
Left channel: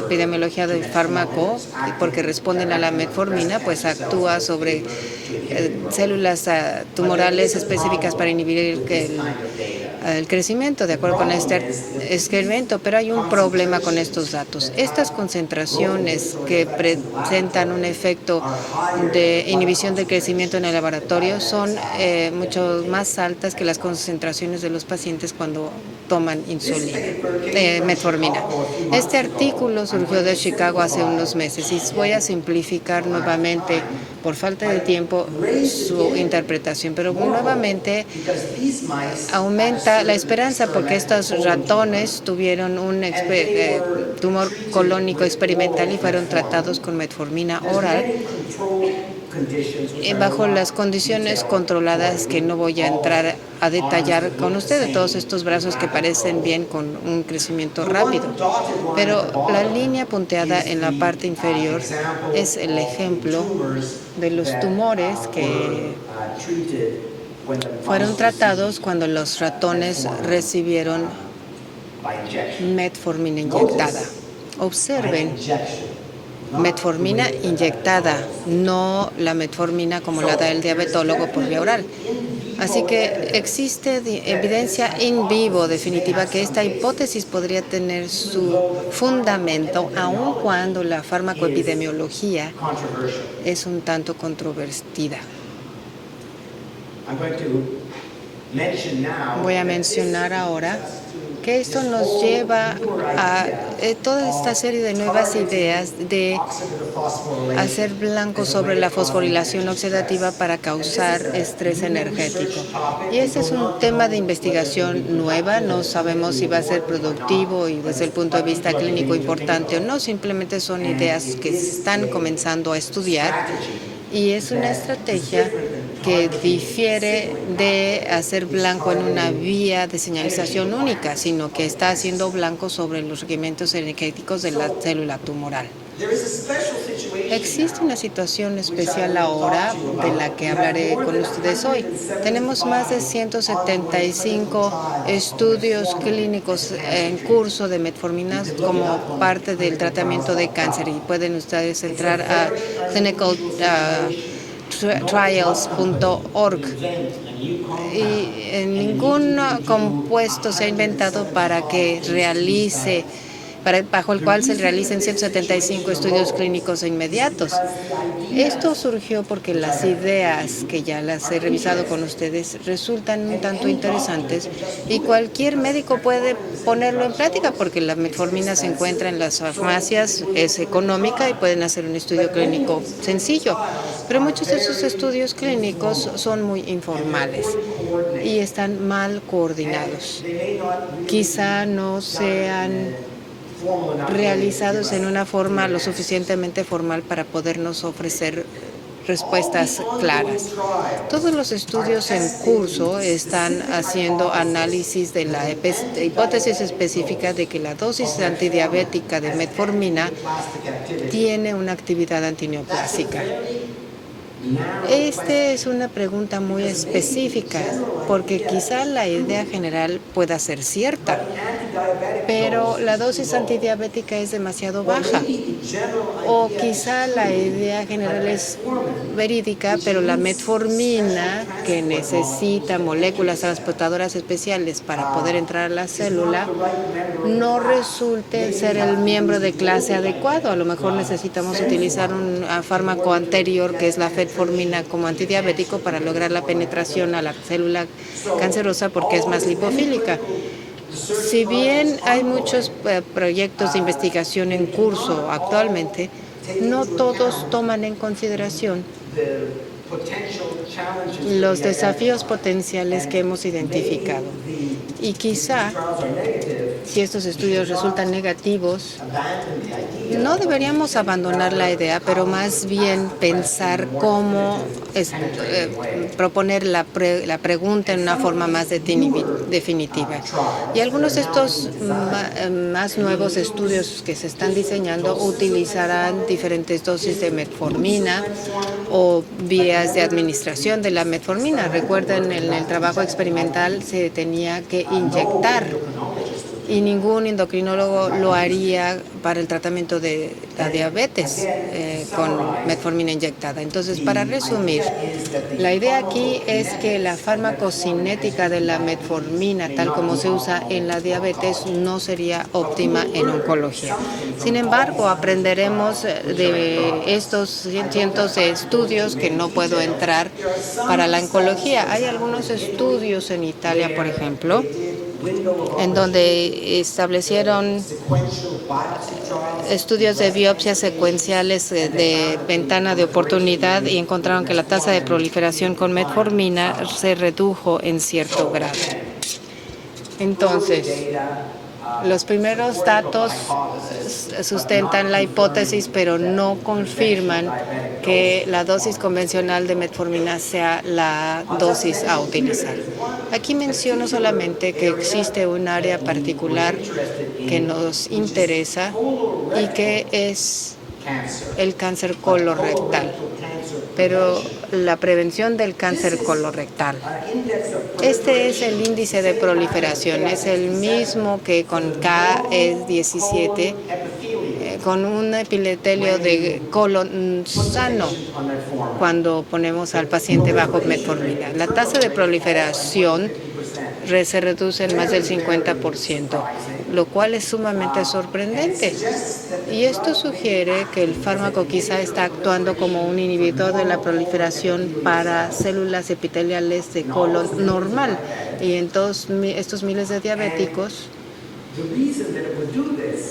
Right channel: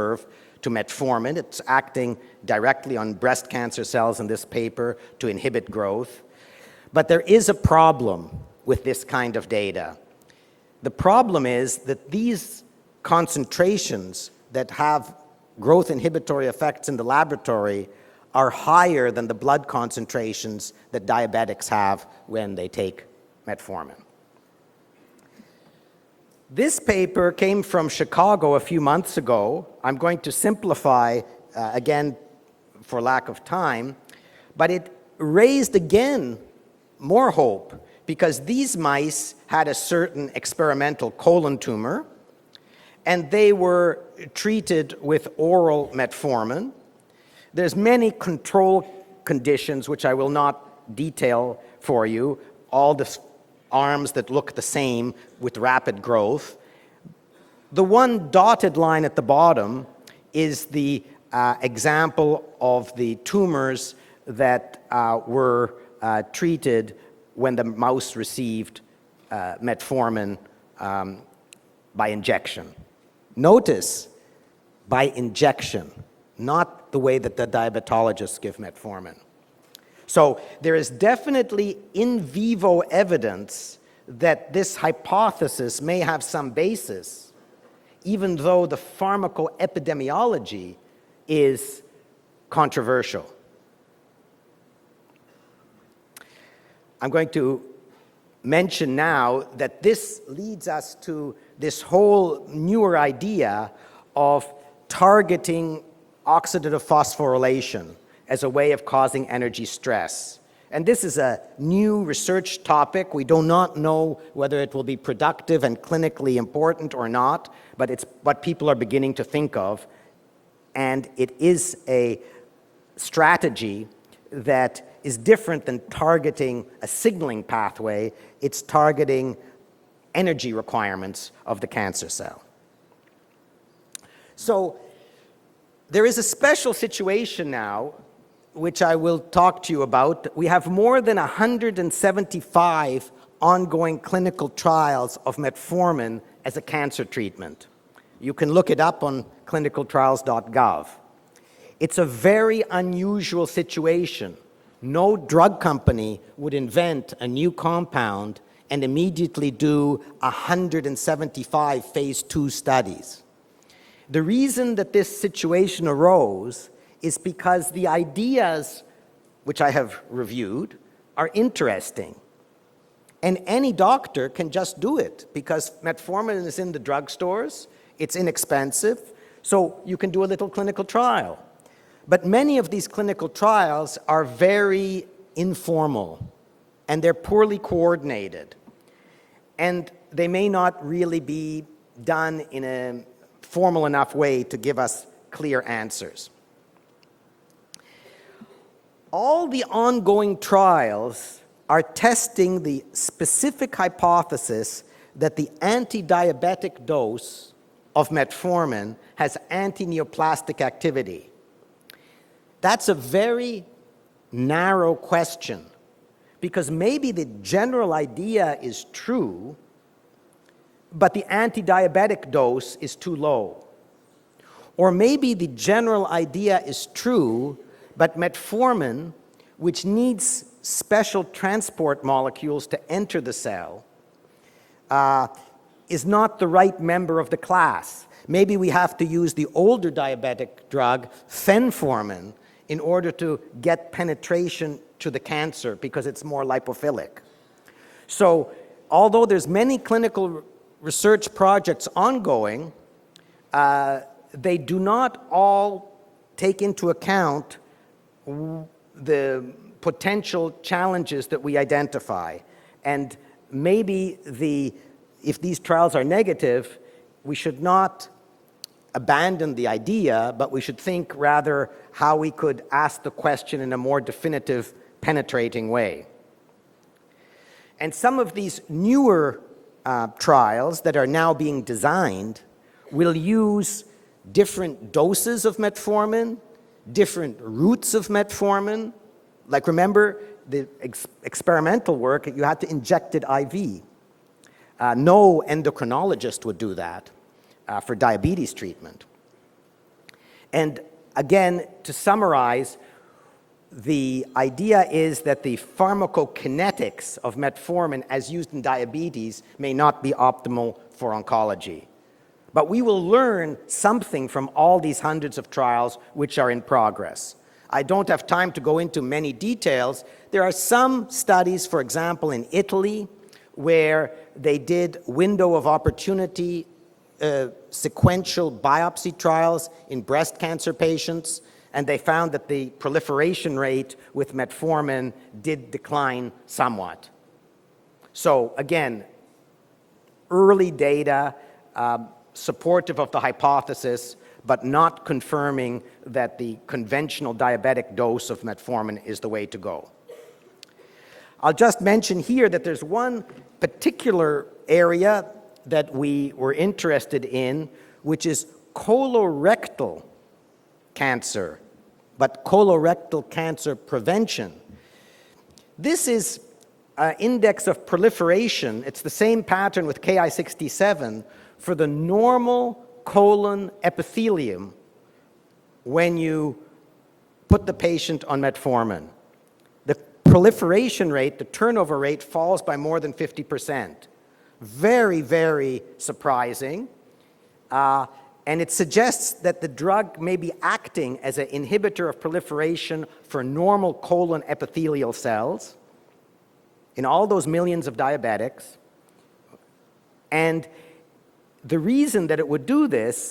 epidemiología del fármaco, porque responden a la metformina, pues actúa sobre células tumorales específicas para inhibir el crecimiento, de acuerdo con este experimento. Pero hay un problema con estos datos. Estas concentraciones que presentan un efecto de inhibición del crecimiento en el laboratorio son mucho más altas que las concentraciones de los pacientes cuando toman metformina. Este artículo surgió de Chicago hace unos meses y voy a simplificar nuevamente, por falta de tiempo, su interpretación, pero nuevamente aumenta la esperanza porque estos ratones tuvieron un tumor colónico experimental y fueron tratados con metformina oral bajo las condiciones controladas que no voy a entrar a detallar con ustedes, todos estos brazos que parecen bien con un crecimiento rápido. Pero la línea punteada en la parte inferior es el ejemplo de los tumores que fueron tratados cuando los ratones recibieron metformina inyectada. Observen, metformina inyectada, no la metformina como la da el diabetólogo por vía oral. Así que existe evidencia in vivo definitiva que esta hipótesis podría tener su fundamento, aun cuando la farmacoepidemiología es un tanto controvertida. Voy a mencionar ahora que esto nos lleva a toda esta serie de nuevas ideas de hacer blanco sobre la fosforilación oxidativa para causar estrés energético. Y este es un tema de investigación nueva, no sabemos si va a ser productivo y desde el punto de vista clínico importante o no, simplemente son ideas que están comenzando a estudiar. Y es una estrategia que difiere de hacer blanco en una vía de señalización única, sino que está haciendo blanco sobre los requerimientos energéticos de la célula tumoral. Existe una situación especial ahora de la que hablaré con ustedes hoy. Tenemos más de 175 estudios clínicos en curso de metformina como parte del tratamiento de cáncer, y pueden ustedes entrar a clinicaltrials.org. Y ningún compuesto se ha inventado para que realice bajo el cual se realicen 175 estudios clínicos inmediatos. Esto surgió porque las ideas, que ya las he revisado con ustedes, resultan un tanto interesantes y cualquier médico puede ponerlo en práctica, porque la metformina se encuentra en las farmacias, es económica y pueden hacer un estudio clínico sencillo. Pero muchos de esos estudios clínicos son muy informales y están mal coordinados. Quizá no sean realizados en una forma lo suficientemente formal para podernos ofrecer respuestas claras. Todos los estudios en curso están haciendo análisis de la hipótesis específica de que la dosis antidiabética de metformina tiene una actividad antineoplásica. Esta es una pregunta muy específica, porque quizá la idea general pueda ser cierta, pero la dosis antidiabética es demasiado baja. O quizá la idea general es verídica, pero la metformina, que necesita moléculas transportadoras especiales para poder entrar a la célula, no resulta ser el miembro de clase adecuado. A lo mejor necesitamos utilizar un fármaco anterior, que es la metformina, como antidiabético para lograr la penetración a la célula cancerosa, porque es más lipofílica. Si bien hay muchos proyectos de investigación en curso actualmente, no todos toman en consideración los desafíos potenciales que hemos identificado. Y quizá, si estos estudios resultan negativos, no deberíamos abandonar la idea, pero más bien pensar cómo proponer la pregunta en una forma más definitiva. Y algunos de estos más nuevos estudios que se están diseñando utilizarán diferentes dosis de metformina o vías de administración de la metformina. Recuerden, en el trabajo experimental se tenía que inyectar, y ningún endocrinólogo lo haría para el tratamiento de la diabetes con metformina inyectada. Entonces, para resumir, la idea aquí es que la farmacocinética de la metformina, tal como se usa en la diabetes, no sería óptima en oncología. Sin embargo, aprenderemos de estos cientos de estudios, que no puedo entrar, para la oncología. Hay algunos estudios en Italia, por ejemplo, en donde establecieron estudios de biopsias secuenciales de ventana de oportunidad, y encontraron que la tasa de proliferación con metformina se redujo en cierto grado. Entonces, los primeros datos sustentan la hipótesis, pero no confirman que la dosis convencional de metformina sea la dosis a utilizar. Aquí menciono solamente que existe un área particular que nos interesa, y que es el cáncer colorectal, pero la prevención del cáncer colorectal. Este es el índice de proliferación, es el mismo que con KS17, con un epitelio de colon sano, cuando ponemos al paciente bajo metformina. La tasa de proliferación se reduce en más del 50%, lo cual es sumamente sorprendente. Y esto sugiere que el fármaco quizá está actuando como un inhibidor de la proliferación para células epiteliales de colon normal. Y entonces estos miles de diabéticos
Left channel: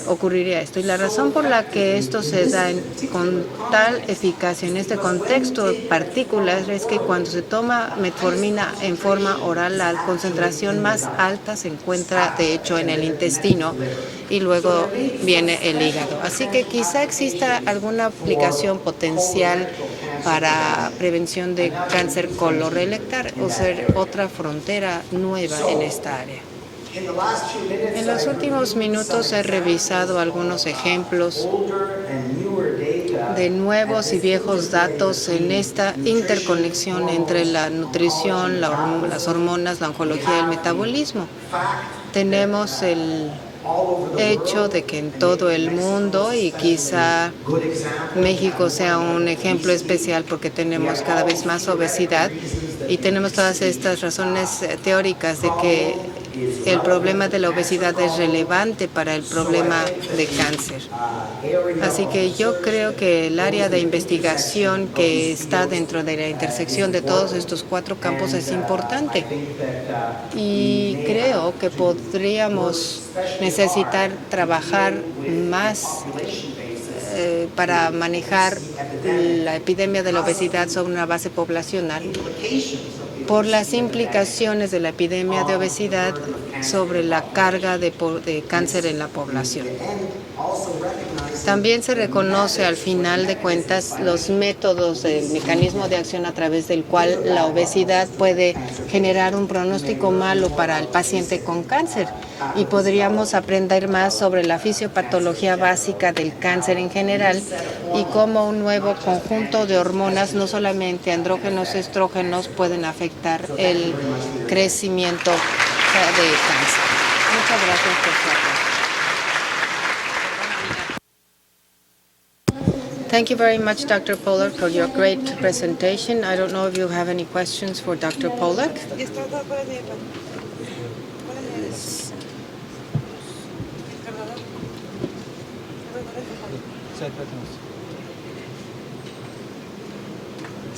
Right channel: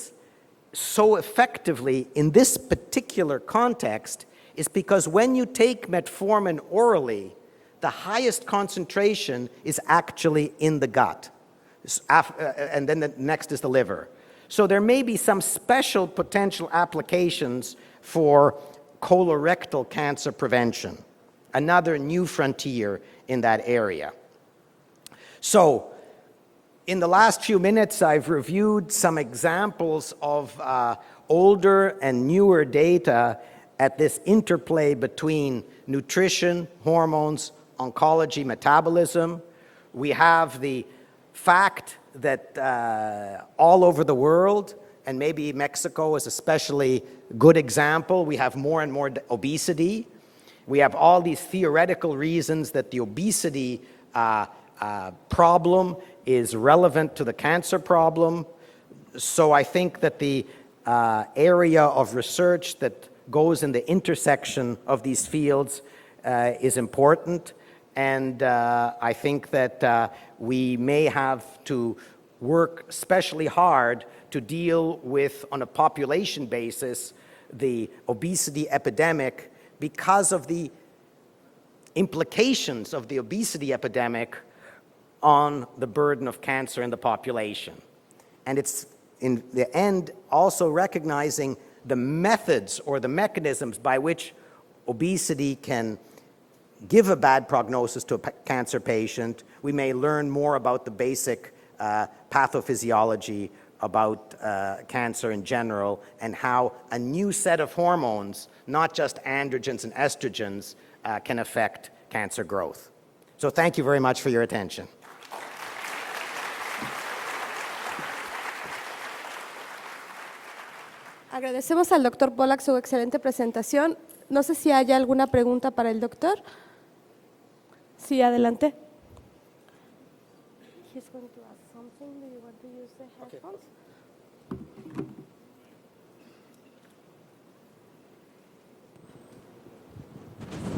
ocurriría esto. Y la razón por la que esto se da con tal eficacia en este contexto particular es que cuando se toma metformina en forma oral, la concentración más alta se encuentra, de hecho, en el intestino, y luego viene el hígado. Así que quizá exista alguna aplicación potencial para prevención de cáncer colorectal, o sea, otra frontera nueva en esta área. En los últimos minutos he revisado algunos ejemplos de nuevos y viejos datos en esta interconexión entre la nutrición, las hormonas, la oncología y el metabolismo. Tenemos el hecho de que en todo el mundo, y quizá México sea un ejemplo especial porque tenemos cada vez más obesidad y tenemos todas estas razones teóricas de que el problema de la obesidad es relevante para el problema de cáncer. Así que yo creo que el área de investigación que está dentro de la intersección de todos estos 4 campos es importante. Y creo que podríamos necesitar trabajar más para manejar la epidemia de la obesidad sobre una base poblacional por las implicaciones de la epidemia de obesidad sobre la carga de cáncer en la población. También se reconoce al final de cuentas los métodos del mecanismo de acción a través del cual la obesidad puede generar un pronóstico malo para el paciente con cáncer, y podríamos aprender más sobre la fisiopatología básica del cáncer en general y cómo un nuevo conjunto de hormonas, no solamente andrógenos, estrógenos, pueden afectar el crecimiento de cáncer. Muchas gracias por su atención. Agradecemos al Dr. Pollack su excelente Thank you very much, presentación. Dr. Pollack, No sé for si your hay great alguna pregunta para el presentation. I doctor. don't know if you have any questions for Sí, Dr. adelante. Pollack.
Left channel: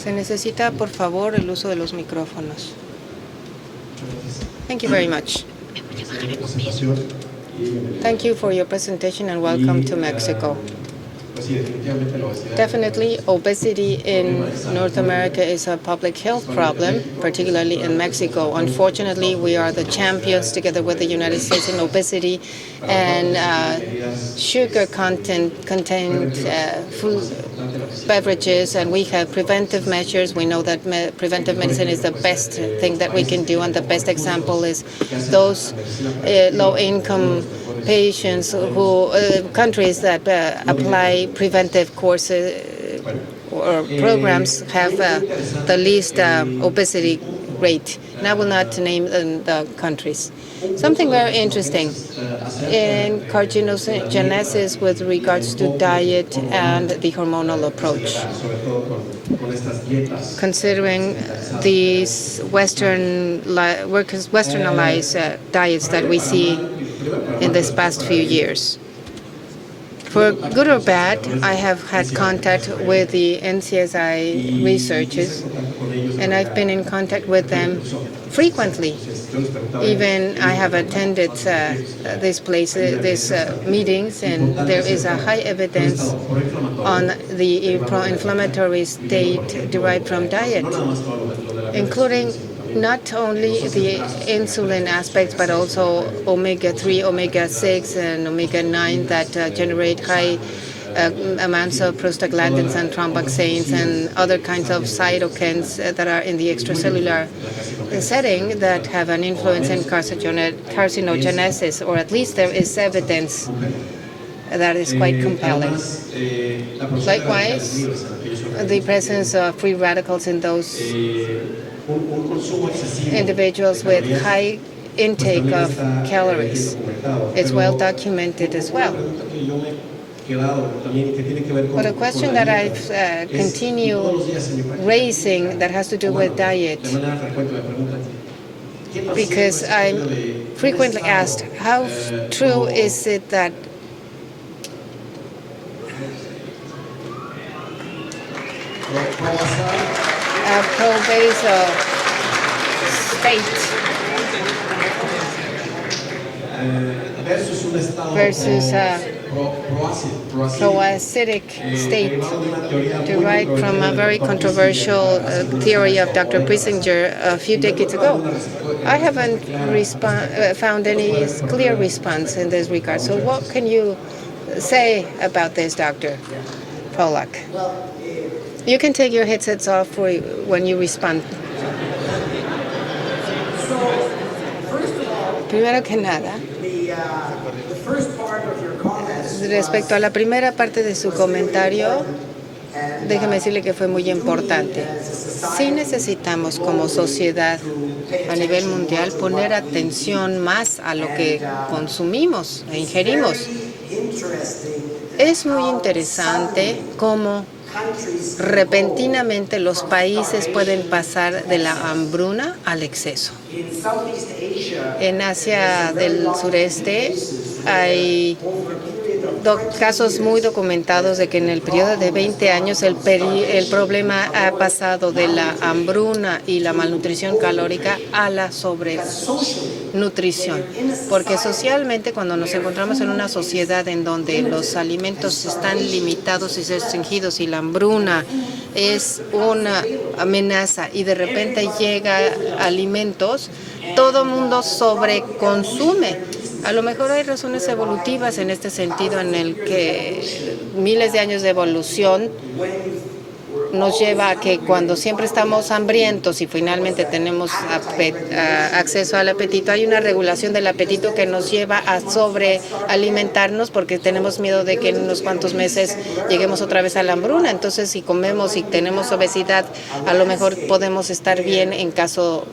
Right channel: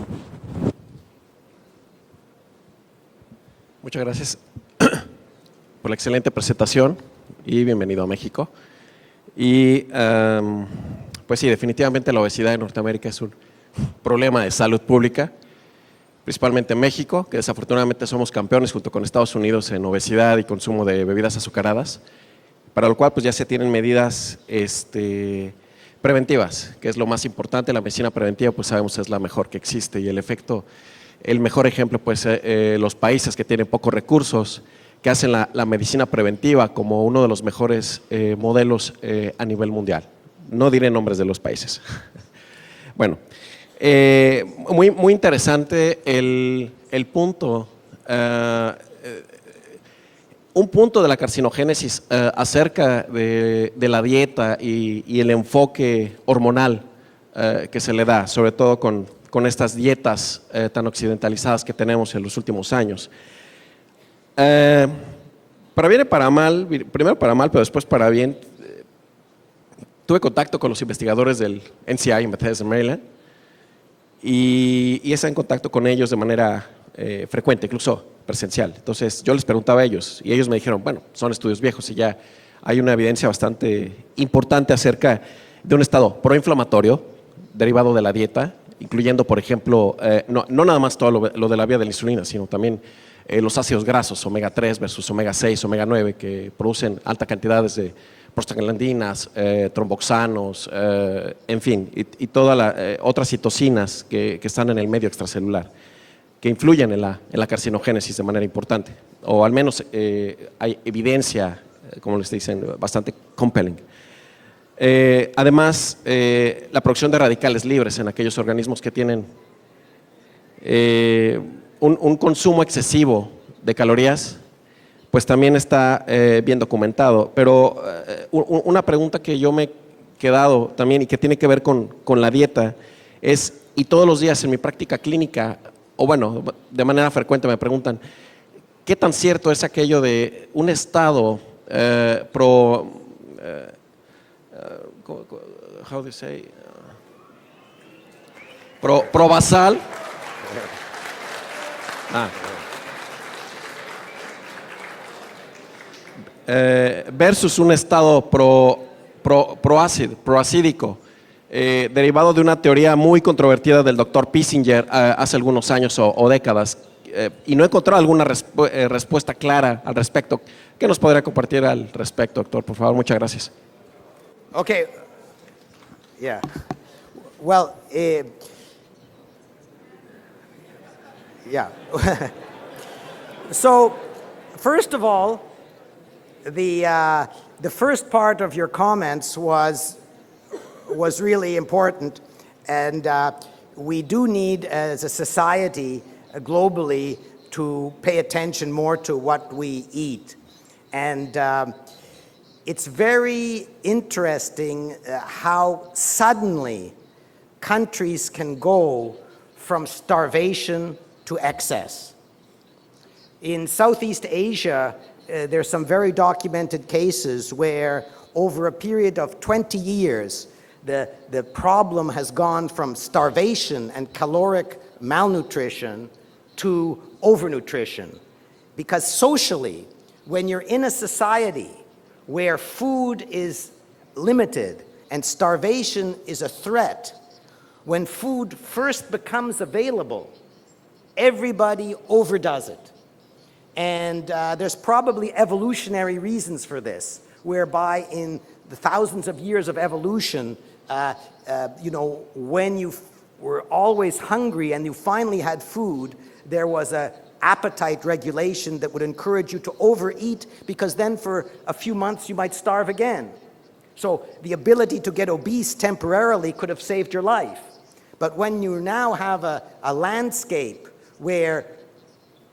Se necesita, por favor, el uso de los micrófonos. Muchas gracias Thank you very much. por la excelente presentación y bienvenido a Thank you México. for your presentation and welcome to Mexico. Pues sí, definitivamente la obesidad en Norteamérica Definitely, es un obesity problema in de salud North pública, America is a public health principalmente en problem, México, que particularly in desafortunadamente somos Mexico. campeones junto con Estados Unfortunately, we Unidos are en the obesidad y champions together consumo with the de United bebidas States in azucaradas, obesity, para lo cual pues ya se and tienen medidas sugar content preventivas, que es lo más food importante. La medicina preventiva pues beverages, and sabemos we es la have mejor que preventive existe, y en measures. We know efecto that el preventive mejor medicine ejemplo is the pues best los thing that we países que can do, tienen and the pocos best example recursos, is que hacen those la medicina preventiva como uno de low-income los mejores patients modelos who, a nivel countries mundial. that No diré nombres de apply los preventive países. courses Bueno, or programs muy have interesante the least el obesity punto, rate. And I will not name the countries. un punto Something de la very interesting carcinogénesis acerca in de la dieta carcinogenesis with y el regards to enfoque diet hormonal and the hormonal que se le da, sobre todo con estas dietas tan considering occidentalizadas que tenemos en los these últimos años. westernized diets Para bien that y we para mal, see primero para mal, in pero this después past para few bien. years. Tuve For contacto good con or los bad, investigadores de I have had NCI, contact with the NCSI y está en researchers, contacto con ellos de and manera I've been in contact with frecuente, them incluso presencial. frequently. Entonces yo les preguntaba a ellos y Even ellos me I have dijeron, bueno, attended son estudios viejos y ya this place, hay una evidencia these bastante meetings, and importante there is a acerca high de un evidence estado proinflamatorio on the derivado de la dieta, pro-inflammatory incluyendo, por state ejemplo, derived from diet, no nada más todo lo de la vía de la insulina, including sino también not only los ácidos the grasos, omega 3, insulin los aspect, omega but 6, omega also 9, que omega 3, producen alta omega cantidad 6, de and omega 9 prostaglandinas, that generate high tromboxanos, amounts of y todas prostaglandins and otras thromboxanes citocinas and other que kinds están en of el medio extracelular, cytokines that are in the que influyen extracellular en la carcinogénesis de manera setting that importante, have an o al influence menos in hay carcinogenesis, evidencia, or at como least les there dice, is bastante evidence compelling. that is quite compelling. Además, la producción de Likewise, radicales libres en aquellos organismos the que tienen presence of free radicals in those un consumo excesivo de individuals calorías, with high pues intake también of está calories bien documentado. is Pero well documented as una well. pregunta que yo me he quedado también y que tiene que ver con la question dieta that I've, es, y continued todos los días en mi práctica raising clínica, that has to o do bueno, with diet. de manera frecuente me preguntan, ¿qué tan cierto es Because aquello I'm de un frequently estado asked, how true is it that provasal pro-basal state versus un estado versus proacídico, proacidic state, derivado de una teoría muy derived controvertida from a del very Dr. Bissinger controversial, hace algunos theory años of o Dr. décadas. Bissinger a few No he encontrado decades alguna ago. I respuesta haven't clara al respecto. found ¿Qué nos podría any compartir clear al response respecto, in doctor? this Por favor, regard. muchas So what gracias. can you say about this, Dr. Yeah. Pollack? Well, You can take your headsets off when you respond. yeah. So, first of all, Primero que nada, the first part of your comments respecto a la primera parte de su was really comentario, important. And, déjeme decirle que fue we muy do need, importante. as a society, Sí necesitamos como globally, sociedad to pay a nivel attention more mundial to poner what we atención eat. más a lo And, que consumimos e It's ingerimos. very interesting Es muy how interesante suddenly cómo countries can repentinamente go los from países pueden starvation pasar to de la excess. hambruna al exceso. In Southeast Asia, En there's Asia some very del documented sureste cases where hay over a period of 20 casos muy years, documentados de que en el the periodo de problem has 20 gone años from el starvation problema and ha caloric pasado de la malnutrition hambruna y la to malnutrición calórica overnutrition. a la Because socially, sobrenutrición. when you're in a Porque society socialmente cuando nos where encontramos en una food is sociedad en donde limited los alimentos and están starvation limitados y is a threat, restringidos y la hambruna when food first es becomes una available, amenaza y de repente everybody llega overdoes it. alimentos, And, todo mundo there's probably sobreconsume. evolutionary reasons A lo for mejor this, hay razones whereby evolutivas en este sentido thousands en of el years of que evolution, miles de años de evolución when you were nos always lleva a que hungry cuando and siempre finally had estamos food, hambrientos y there was finalmente a tenemos appetite regulation that would acceso al encourage you apetito, to hay una overeat, regulación del because apetito then que for nos lleva a few a months you might starve again. sobrealimentarnos porque So, tenemos the miedo de que ability en to unos get cuantos obese meses temporarily lleguemos otra could vez a save la your hambruna. life. Entonces, si But comemos when y you tenemos now have obesidad, a a lo mejor landscape podemos estar where bien en caso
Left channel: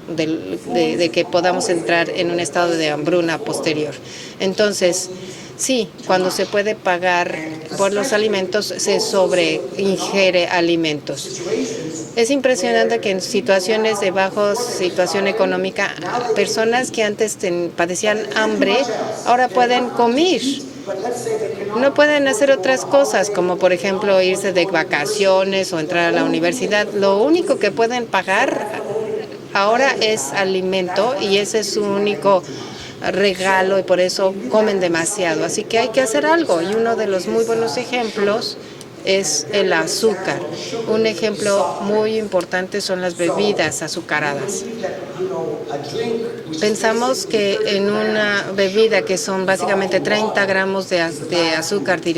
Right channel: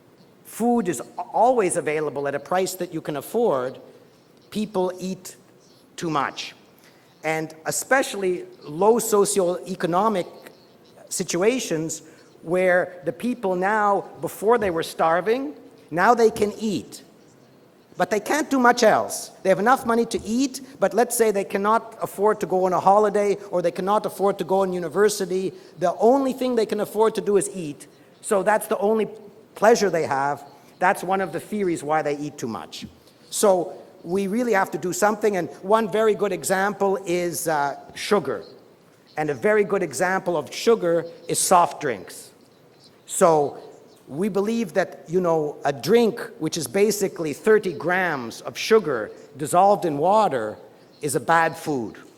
food is de que podamos always entrar available en at un a estado price de that we can hambruna afford, posterior. people Entonces, eat sí, too cuando much. se puede pagar And por los especially alimentos, low se socioeconomic sobreingiere alimentos. situations Es impresionante where que en the people situaciones now, de before baja they were situación starving, económica, now they can personas eat. que antes padecían But they can't do hambre, much else. ahora They have pueden enough money to comer. eat, but let's say they cannot No pueden afford to hacer go on a otras cosas, holiday, como or por they cannot ejemplo afford to irse go de to university. vacaciones o The entrar a la only thing they can universidad. afford Lo to do único is que eat. pueden So pagar that's the only ahora pleasure they es have. That's alimento one of y the ese es su theories why they único eat too much. regalo y por eso we really have comen to do demasiado. something. Así que One hay que very hacer good algo y uno de example los muy is, buenos sugar. ejemplos es And a very el good azúcar. example of sugar Un is ejemplo soft drinks. muy importante son las So, bebidas we azucaradas. believe that, a drink, which is Pensamos basically que 30 en una grams of bebida sugar que son dissolved básicamente in 30 water gramos de is a bad azúcar food.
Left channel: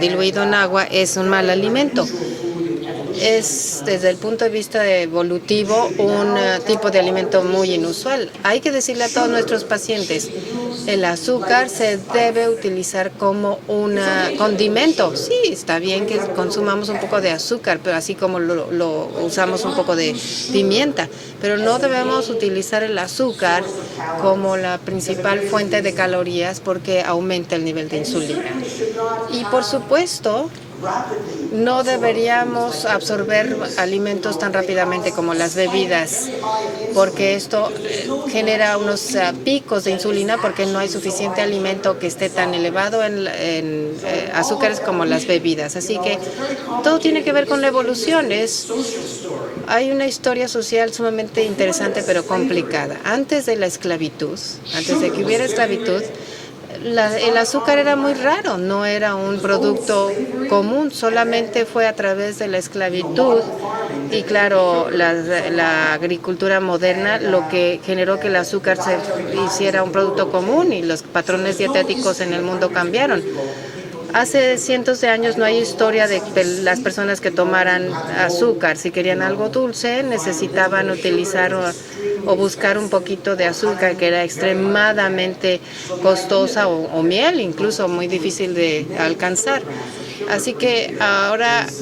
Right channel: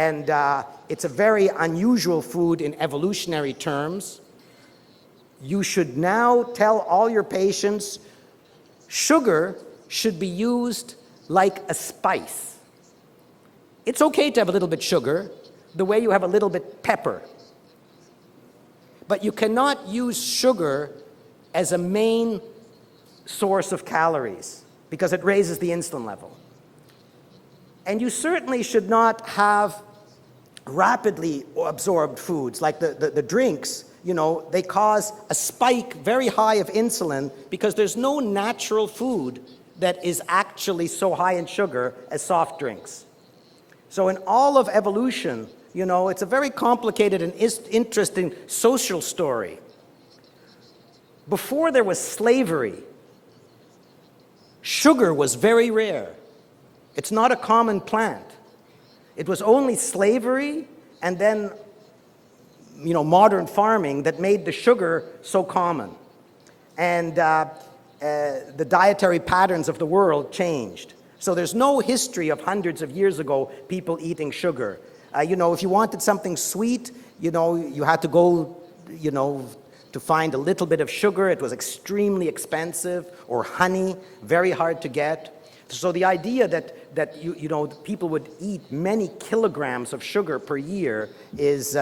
diluido en agua It's es a un mal very alimento. unusual food in evolutionary Es terms. desde el punto de vista evolutivo You should now un tell tipo de all your alimento muy patients, inusual. Hay que decirle a sugar todos nuestros pacientes, should be used el azúcar like a se spice. debe utilizar como un It's okay to have a little bit of condimento. sugar, Sí, está the way bien you que have a little bit of consumamos un pepper. poco de azúcar, pero así como lo But you usamos un cannot poco de use sugar pimienta. Pero as no a debemos main utilizar el azúcar source of calories, como la because it principal raises the fuente de insulin. calorías porque aumenta el nivel de And you insulina. certainly should not Y por have supuesto, rapidly no absorbed deberíamos foods, like the absorber drinks. alimentos tan They rápidamente cause como a las spike bebidas, very high of insulin porque esto because there's no genera natural unos food picos de that is insulina porque no hay actually so suficiente high in alimento sugar que as esté soft tan drinks. elevado en So in all of azúcares como las evolution, bebidas. Así que it's a very todo tiene que ver complicated con la and evolución. interesting social story. Hay una historia social sumamente Before there interesante was pero slavery, complicada. Antes de la esclavitud, antes sugar de que was hubiera very esclavitud, rare. It's not el a azúcar common era muy plant. raro, no era It un was only producto slavery común, and solamente then, fue a través de la esclavitud modern farming that y made claro, sugar la so common. agricultura moderna And, lo que generó que el the azúcar dietary patterns se hiciera of un the world producto común y changed. los So patrones there's no dietéticos history en el of mundo hundreds of cambiaron. years ago, people eating Hace sugar. cientos de años no hay If you historia wanted de something las sweet, personas que you had tomaran to go, azúcar. Si querían algo dulce, to find a little necesitaban bit of sugar. utilizar It was extremely o buscar un expensive, poquito de or azúcar honey, que era very hard to get. extremadamente So the idea costosa that- o that, miel, incluso people muy would difícil eat de many alcanzar. kilograms of sugar Así per que year ahora is,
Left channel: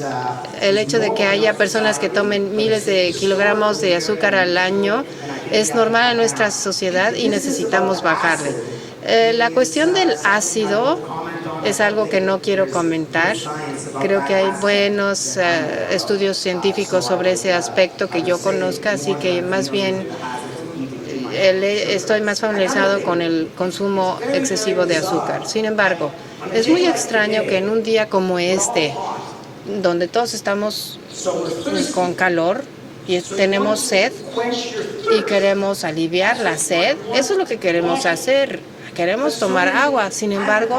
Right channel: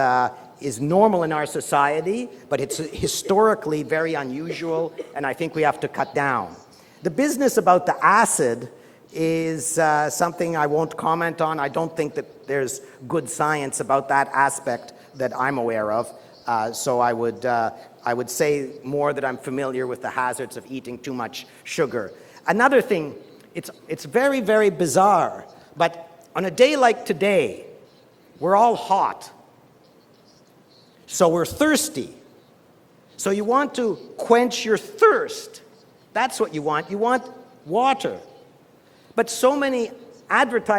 el is hecho de normal que in our haya personas que society, tomen but it's miles de historically kilogramos de very azúcar al unusual, año and I think we es have to normal cut en nuestra down. sociedad The y business about necesitamos the bajarle. acid La is, cuestión del something I ácido won't comment on. I es don't algo think que no quiero there's good comentar. science about Creo that que hay aspect buenos that I'm aware of. estudios So científicos I sobre would, ese aspecto I que would yo say conozca, more así that que I'm más familiar bien with the hazards of eating too much estoy sugar. más Another familiarizado thing, con el consumo it's very, excesivo very de bizarre azúcar. Sin embargo, that on a es day muy like extraño today, que en un día como we're all este, hot, donde todos estamos so we're thirsty. con calor, y tenemos sed y queremos aliviar la sed. Eso es lo que queremos hacer. Queremos tomar agua. Sin embargo,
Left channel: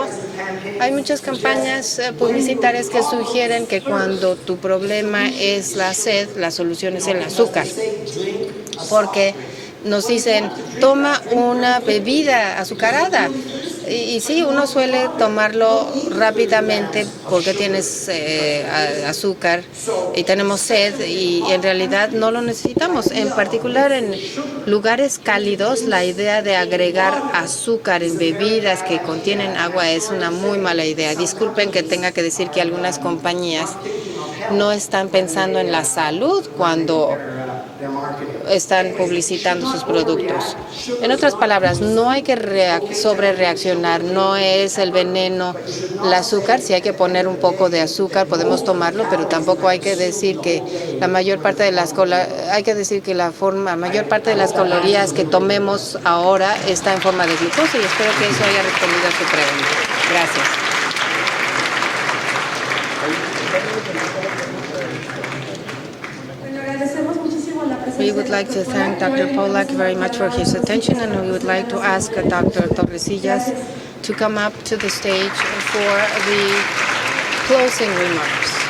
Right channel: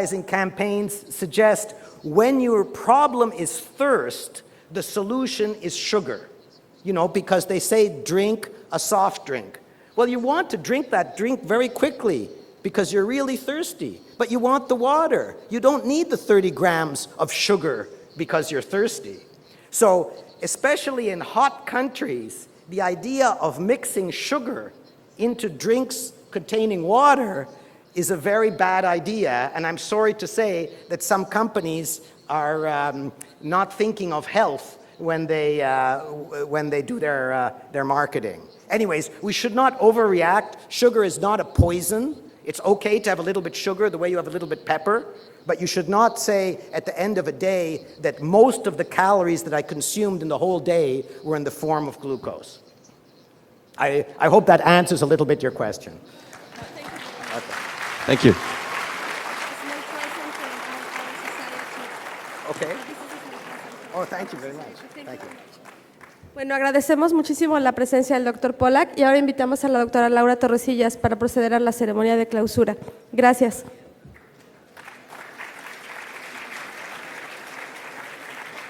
hay muchas campañas publicitarias que sugieren que cuando tu problema es la sed, la solución es el azúcar. Porque nos dicen, toma una bebida azucarada. Y sí, uno suele tomarlo rápidamente porque tienes azúcar y tenemos sed y en realidad no lo necesitamos. En particular en lugares cálidos, la idea de agregar azúcar en bebidas que contienen agua es una muy mala idea. Disculpen que tenga que decir que algunas compañías no están pensando en la salud cuando están publicitando sus productos. En otras palabras, no hay que sobrereaccionar, no es el veneno el azúcar. Si hay que poner un poco de azúcar, podemos tomarlo, pero tampoco hay que decir que la mayor parte de las mayor parte de las calorías que tomemos ahora está en forma de glucosa, y espero que eso haya respondido a su pregunta. Gracias. Bueno, agradecemos muchísimo la We presencia would del like Dr. to Pollack thank y ahora Dr. invitamos a Pollack la very doctora much for Laura his Torrecillas attention, para and we would proceder a like la to ask ceremonia de Dr. clausura. Torrecillas Gracias. to come up to the stage for the closing remarks.